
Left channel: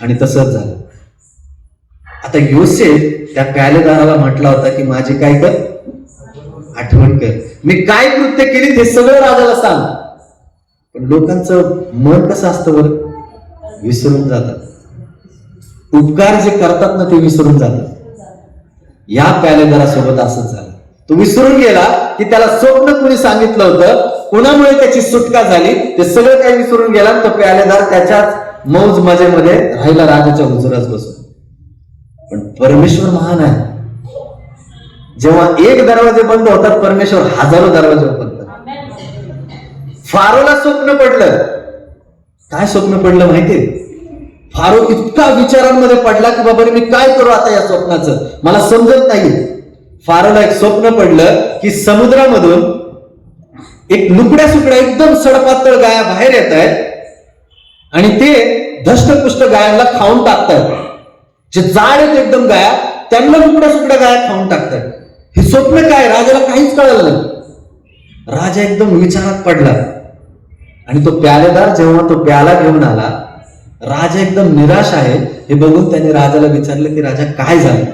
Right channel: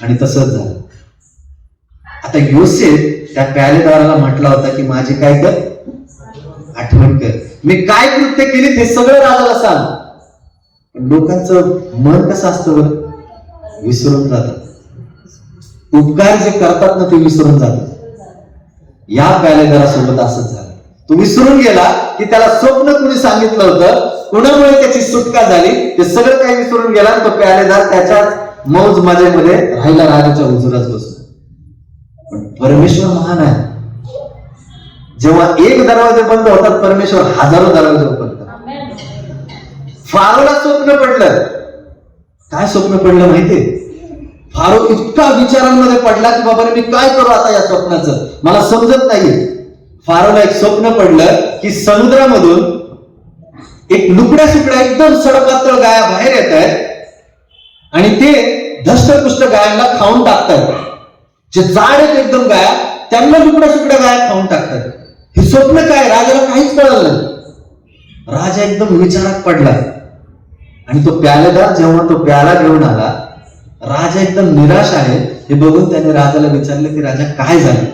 आणि तसंच झालं. आता योसेफ त्या प्यालेदाराला म्हटला होता की माझी काय कर, आठवण कर, मी काय कृत्य केली ते सगळं राजाला सांग. पण लोकांचं मन कसं असतं बरं, विसरून जातात. उपकार जे करतात ना ते विसरून जातात. या प्यालेदारासोबत असंच झालं. तो विसरून गेला की त्याला स्वप्न कुणी सांगितलं होतं, कुणामुळे त्याची सुटका झाली, ते सगळं काही विसरून गेला. तो प्यालेदार त्याच्याच मौज मजेमध्ये राहिला राजाच्या हुजुरात बसून. पण परमेश्वर महान आहे. जेव्हा एक दरवाजे बंद होतात, परमेश्वर हजारो दरवाजे ओपन करतात. फारोला स्वप्न पडलं. काय स्वप्न पडलं माहितीये? फारो इतका विचारांमध्ये पडला की बाबा मी काय करू आता या स्वप्नाचं, मला समजत नाहीये. फारोला एक स्वप्न पडलं की समुद्रामधून एक लुकड्या सुकड्या एकदम सडपातळ गाया बाहेर येत आहेत आणि ते धष्टपुष्ट गायांना खाऊन टाकतायत. जे जाड आहेत एकदम गाया, त्यांना लुकड्या सुकड्या गाया खाऊन टाकतात. हे स्वप्न काय? राजाला काहीच कळलं नाही. राजा एकदम विचारात पडला आणि तो प्यालेदार जेव्हा तो प्याला घेऊन आला, राजा एकदम निराश आहे हे बघून त्याने राजाला विचारलं की राजा काय झालं?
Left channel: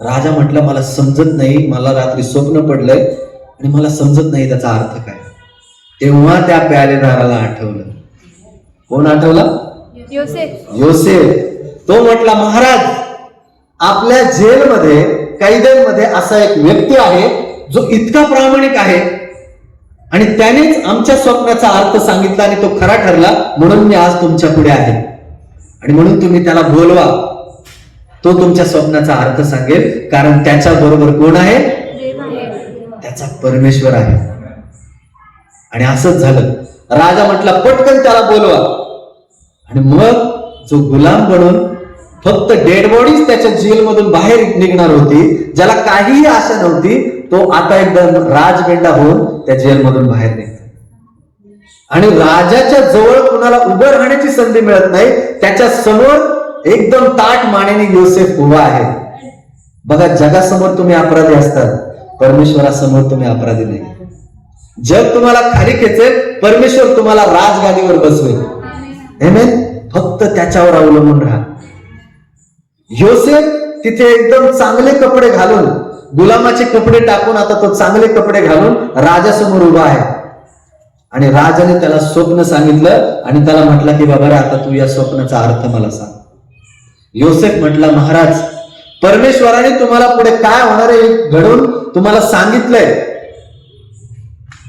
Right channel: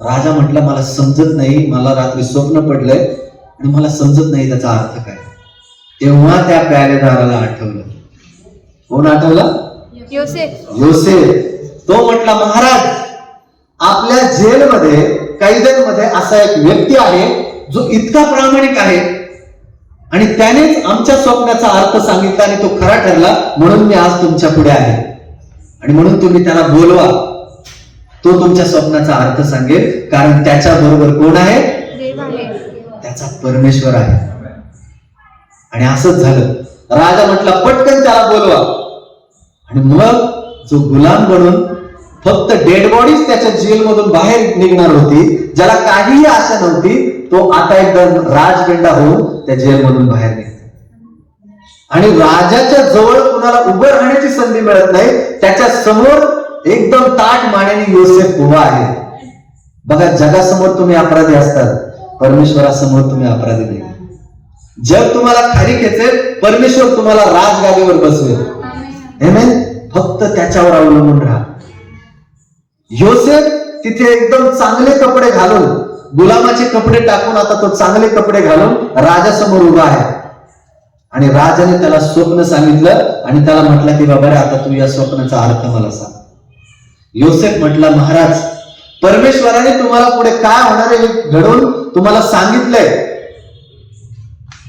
राजा म्हटला मला समजत नाही, मला रात्री स्वप्न पडलंय आणि मला समजत नाही त्याचा अर्थ काय. तेव्हा त्या प्यालेदाराला आठवलं. कोण आठवलं? योसेफ. योसेफ. तो म्हटला महाराज, आपल्या जेलमध्ये कैद्यांमध्ये असा एक व्यक्ती आहे जो इतका प्रामाणिक आहे आणि त्यानेच आमच्या स्वप्नाचा अर्थ सांगितला आणि तो खरा ठरला, म्हणून मी आज तुमच्या पुढे आहे आणि म्हणून तुम्ही त्याला बोलवा. तो तुमच्या स्वप्नाचा अर्थ सांगेल, कारण त्याच्या बरोबर कोण आहे? त्याचा परमेश्वर आहे. आणि असंच झालं. राजा म्हटला पटकन त्याला बोलवा. आणि मग जो गुलाम बनून फक्त डेड बॉडीज त्याच्या जेलमधून बाहेर निघणार होती, ज्याला काहीही आशा नव्हती, तो आता एकदम राजगंडा होऊन त्या जेलमधून बाहेर निघतो. आणि राजाच्या जवळ कुणाला उभं राहण्याची संधी मिळत नाही. त्याच्या समोर एकदम ताठ मानेने योसेफ उभा आहे. बघा, जगासमोर तुम्ही अपराधी असतात, परमेश्वरासमोर तुम्ही अपराधी नाही. जग तुम्हाला खाली खेचेल, परमेश्वर तुम्हाला राजगादीवर बसवेल. आमेन. फक्त त्याच्यावर अवलंबून राहा. योसेफ तिथे एकदम चांगले कपडे घालून, गुलामाचे कपडे टाकून आता तो चांगले कपडे घालून राजासमोर उभा आहे. आणि राजाने त्याला स्वप्न सांगितलं आणि त्याला म्हटलं की बाबा आता तू या स्वप्नाचा अर्थ मला सांग. योसेफ म्हटला महाराज, परमेश्वराने तुम्हाला पुढे काय होणार आहे घडवून तुम्हाला सांगितलंय.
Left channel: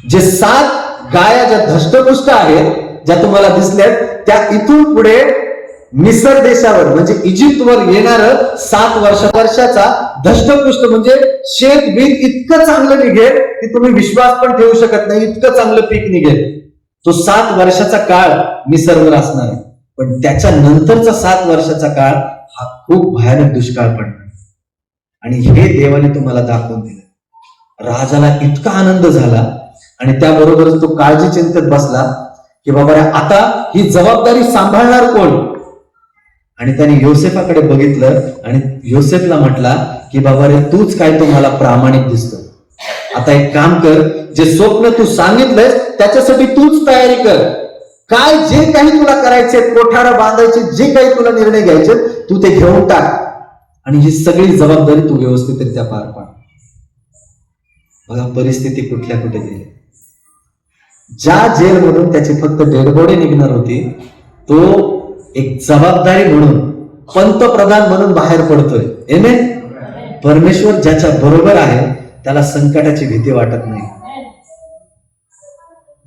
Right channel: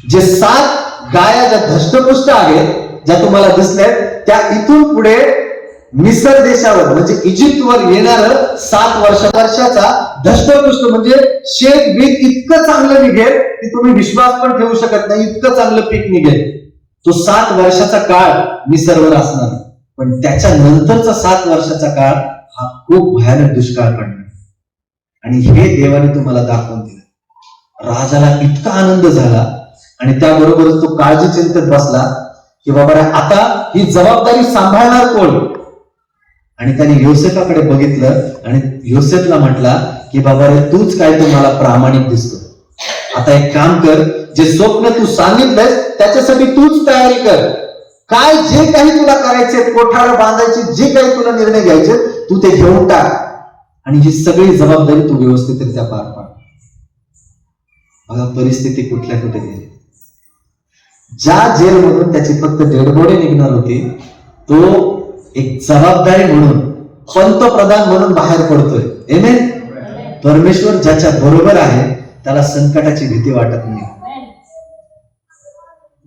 जे 7 गाया ज्या धष्टपुष्ट आहेत, ज्या तुम्हाला दिसल्यात, त्या इथून पुढे मिसर देशावर म्हणजे इजिप्तवर येणार 7 वर्षाचा धष्टपुष्ट म्हणजे शेत बीत इतकं चांगलं निघेल की तुम्ही विश्वास पण ठेवू शकत नाही, इतकं चांगलं पीक निघेल. तो 7 वर्षाचा काळ मिसरवर असणार. पण त्याच्या नंतरचा 7 वर्षाचा काळ हा खूप भयानक दुष्काळ पडणार. आणि हे देवाने तुम्हाला दाखवून दिलं. राजाला इतका आनंद झाला आणि त्याबरोबरच तो काळजी चिंतेत बसला की बाबा आता ही जबाबदारी सांभाळणार कोण. आणि त्याने योसेफाकडे बघितलं आणि योसेफला म्हटला की बाबा रे, तूच काय तो मला प्रामाणिक दिसतो. आता एक काम कर, जे स्वप्न तू सांगितलंयस त्याच्यासाठी तूच तयारी कर. काय जे काही तुला करायचे, कोठारा बांधायचे, जे काही तुला निर्णय घ्यायचे, तू ते घेऊन टाक आणि ही सगळी जबाबदारी तू व्यवस्थितरित्या पार पाड. बघा परिस्थिती कुठल्या कुठे गेली. ज्या जेलमधून त्याची फक्त डेडबॉडी निघणार होती, तो एक जबाबदारी म्हणून पंतप्रधान म्हणून बाहेर पडतोय. आमेन. परमेश्वर ज्याच्या बरोबर आहे त्याला संकटाची भीती वाटत नाही.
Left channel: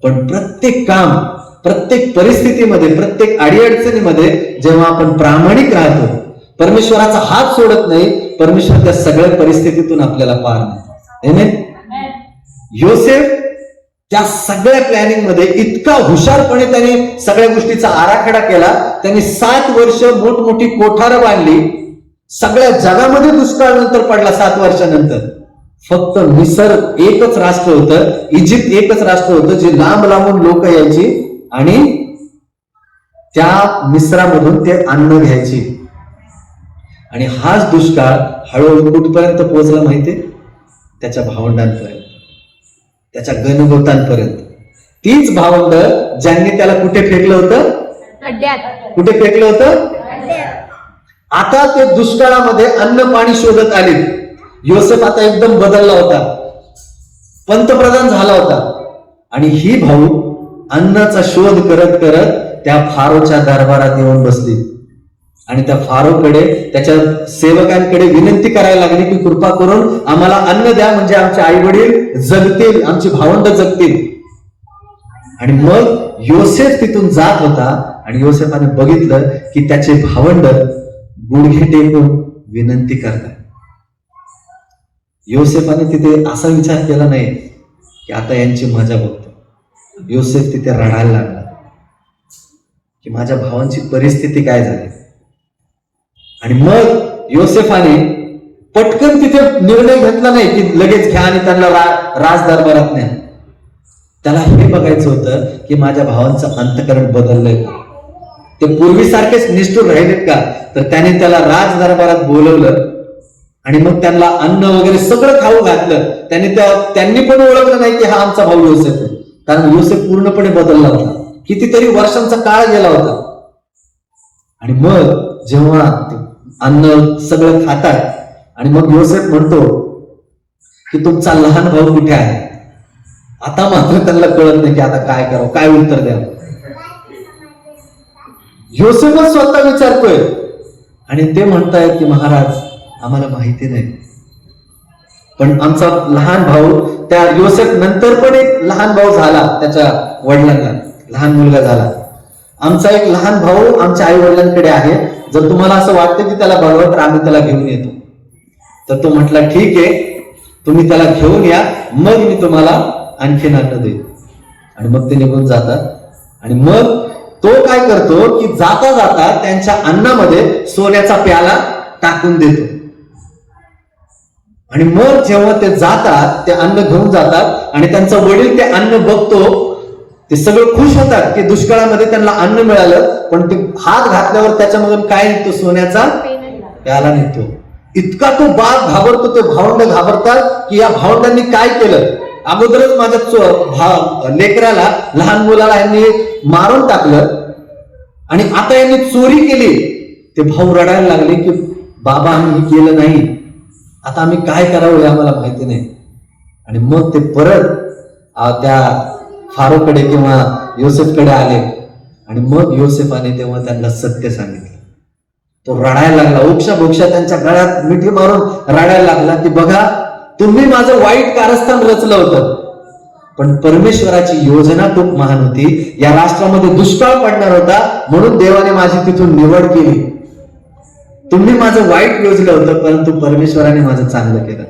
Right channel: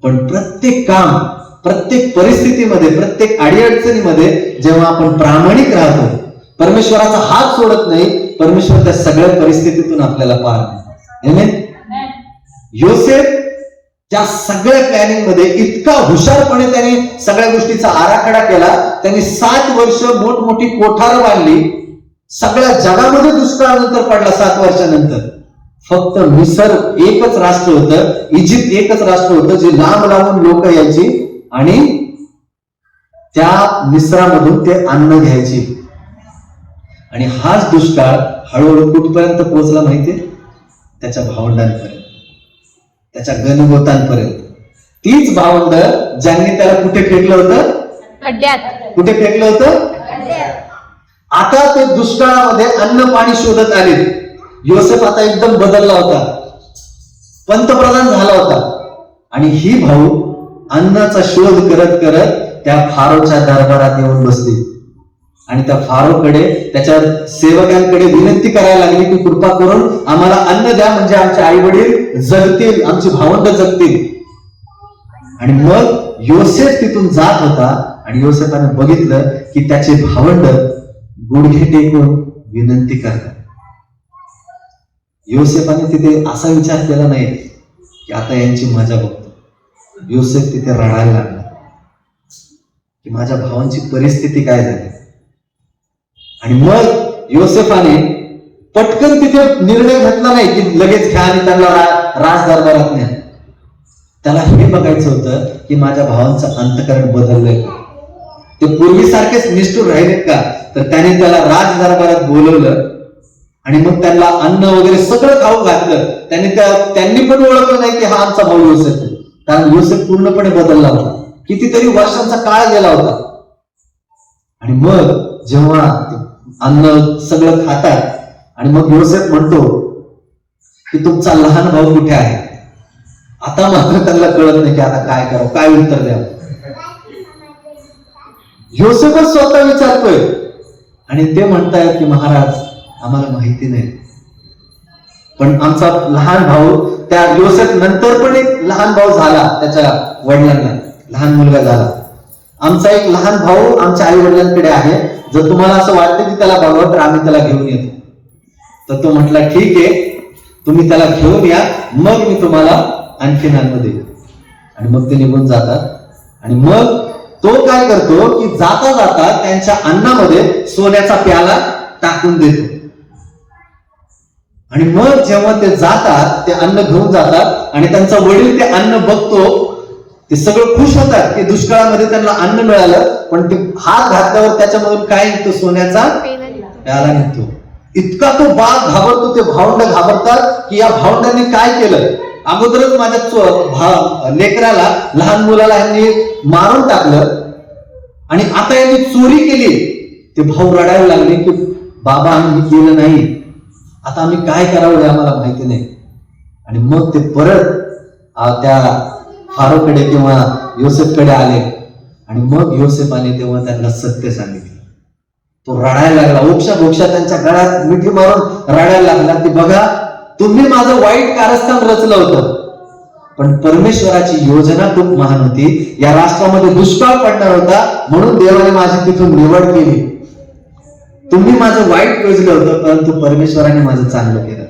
पण प्रत्येक काम, प्रत्येक परिस्थितीमध्ये, प्रत्येक अडीअडचणीमध्ये जेव्हा आपण प्रामाणिक राहतो, परमेश्वराचा हात सोडत नाही, परमेश्वर त्या सगळ्या परिस्थितीतून आपल्याला पार नाही. आमेन. योसेफ त्या सगळ्या प्लॅनिंग मध्ये इतका हुशारपणे त्यांनी सगळ्या गोष्टीचा आराखडा केला. त्यांनी 7 वर्ष मोठमोठी कोठारं बांधली. सगळ्या जगामध्ये दुष्काळ नंतर पडला 7 वर्षानंतर. फक्त मिसर एकच राष्ट्र होतं, इजिप्त एकच राष्ट्र होतं जे लांब लांबून लोक यायची आणि त्या मिसरामधून ते अन्न घ्यायची. आणि हाच दुष्काळ हळूहळू कुठपर्यंत पोहोचला माहितीये? त्याच्या भावंडांपर्यंत, त्याच्या गणगोतांपर्यंत. तीच भावंड ज्यांनी त्याला कुठे फेकलं होतं? खड्ड्यात. कुठे फेकलं होतं? आता ते दुष्काळामध्ये अन्न पाणी शोधत आले. योसेफ आता एकदम बदलला होता, पंतप्रधान झाला होता. आणि ही भाऊ अन्नाचा शोध करत करत त्या फारोच्या दरबारात येऊन बसली आणि त्या फारोकडे, त्याच्या सेवकांकडे विनंती करायला लागली की कृपा करून आम्हाला अन्न द्या, म्हणजे आमचे आई वडील जगतील, आमची भावंड जगतील. आणि मग योसेफ तिथून जात होता आणि योसेफाने बघितलं की त्याचे भावंड गुडघे टेकून विनंती करतात. योसेफाने तिथे असा विचार केला नाही की आता यांची मजा बघतो. योसेफ तिथे रडायला लागला की माझ्या भावांची परिस्थिती काय झाली. आणि मग योसेफाने पटकन तिथे निर्णय घेतला नाही की लगेच घ्या आणि त्यांना राज दरबारात नाही. त्याला हे बघायचं होतं की माझ्या भावांचं अंतकरण बदललंय का, ते पूर्वीसारखेच निष्ठुर राहिलेत का. तर त्याने त्याला राज दरबारात बोलवलं आणि मग त्यांना अन्न वगैरे सगळं खाऊ घातलं. त्यांनी पण ओळखलं नाही की हा आमचा भाऊ योसेफ आहे, कारण योसेफ पूर्णपणे बदलला होता. कितीतरी वर्षांचा काळ गेला होता. आणि मग जेव्हा अन्न सगळं खातात आणि मग योसेफ म्हणतो की तुमचा लहान भाऊ कुठे आहे. आता मात्र त्यांना कळत नाही की आता काय करावं, काय उत्तर द्यावं. योसेफच स्वतः विचारतोय आणि ते म्हणतायत की महाराज आम्हाला माहिती नाही, पण आमचा लहान भाऊ, त्या योसेफ नंतर पण एक लहान भाऊ झाला, त्याच्या वडिलांना लहान मुलगा झाला. आमचा एक लहान भाऊ आमच्या आई वडिलांकडे आहे, जर तुम्हाला असं वाटतं की त्याला बघावं तर आम्ही त्याला घेऊन येतो. तर तो म्हटला ठीक आहे, तुम्ही त्याला घेऊन या, मग मी तुम्हाला आणखीन अन्न देईन. आणि मग ते निघून जातात. आणि मग तो काय करतो की जाता जाता त्यांच्या अन्नामध्ये सोन्याचा प्याला टाकून देतो. आणि मग जेव्हा ते जातात, ते अन्न घेऊन जातात आणि त्यांचा वडील ते अन्न बघतो, ते सगळं खुश होतात की दुष्काळामध्ये त्यांना अन्न मिळालं. पण ते हात घातल्यावर त्याच्यामधून काय निघतो, सोन्याचा प्याला निघतो. इतका तो बाप घाबरतो, ते भावंड घाबरतात की या भावंडांनी काय केलं. अगोदरच माझ्या लेकराला, लहान मुलाला यांनी मारून टाकलं आणि आता यांनी चोरी केली. ते भाऊ रडायला लागले की बाबा आम्ही केलं नाही, आता आम्ही काय करावं हे आम्हाला माहिती नाही. आणि मग ते परत त्या फारोकडे किंवा योसेफकडे आले आणि मग योसेफाने तेव्हा त्यांना सत्य सांगितलं. तो रडायला लागला, ओक्ष बोक्षा त्यांच्या गळ्यात मिठी मारून रडायला लागला की बघा, तुम्ही माझं वाईट कारस्थान रचलं होतं, पण परमेश्वराची योजना खूप महान होती. या राष्ट्रामध्ये दुष्काळ पडणार होता, म्हणून देवाने माझी तिथून निवड केली. तुम्ही माझं वाईट योजलं होतं, परंतु परमेश्वराने माझं चांगलं केलं.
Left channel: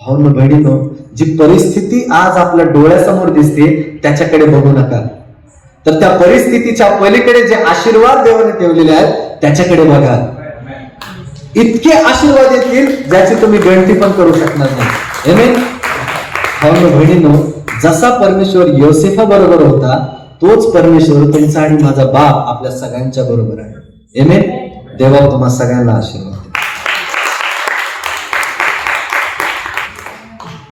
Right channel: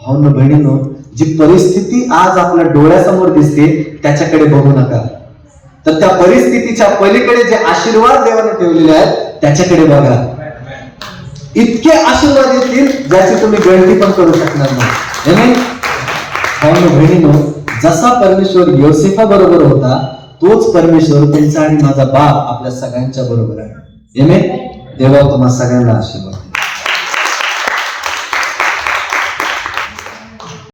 भाऊंनो बहिणींनो, जी परिस्थिती आज आपल्या डोळ्यासमोर दिसते त्याच्याकडे बघू नका, तर त्या परिस्थितीच्या पलीकडे जे आशीर्वाद देवाने ठेवलेले आहेत त्याच्याकडे बघा. इतके आशीर्वाद येतील ज्याची तुम्ही गणती पण करू शकणार नाही. आमेन. भाऊ बहिणींनो, जसा परमेश्वर योसेफा बरोबर होता, तोच परमेश्वर त्यांचा आणि माझा बाप आपल्या सगळ्यांच्या बरोबर आहे. आमेन. देवा तुम्हा सगळ्यांना आशीर्वाद.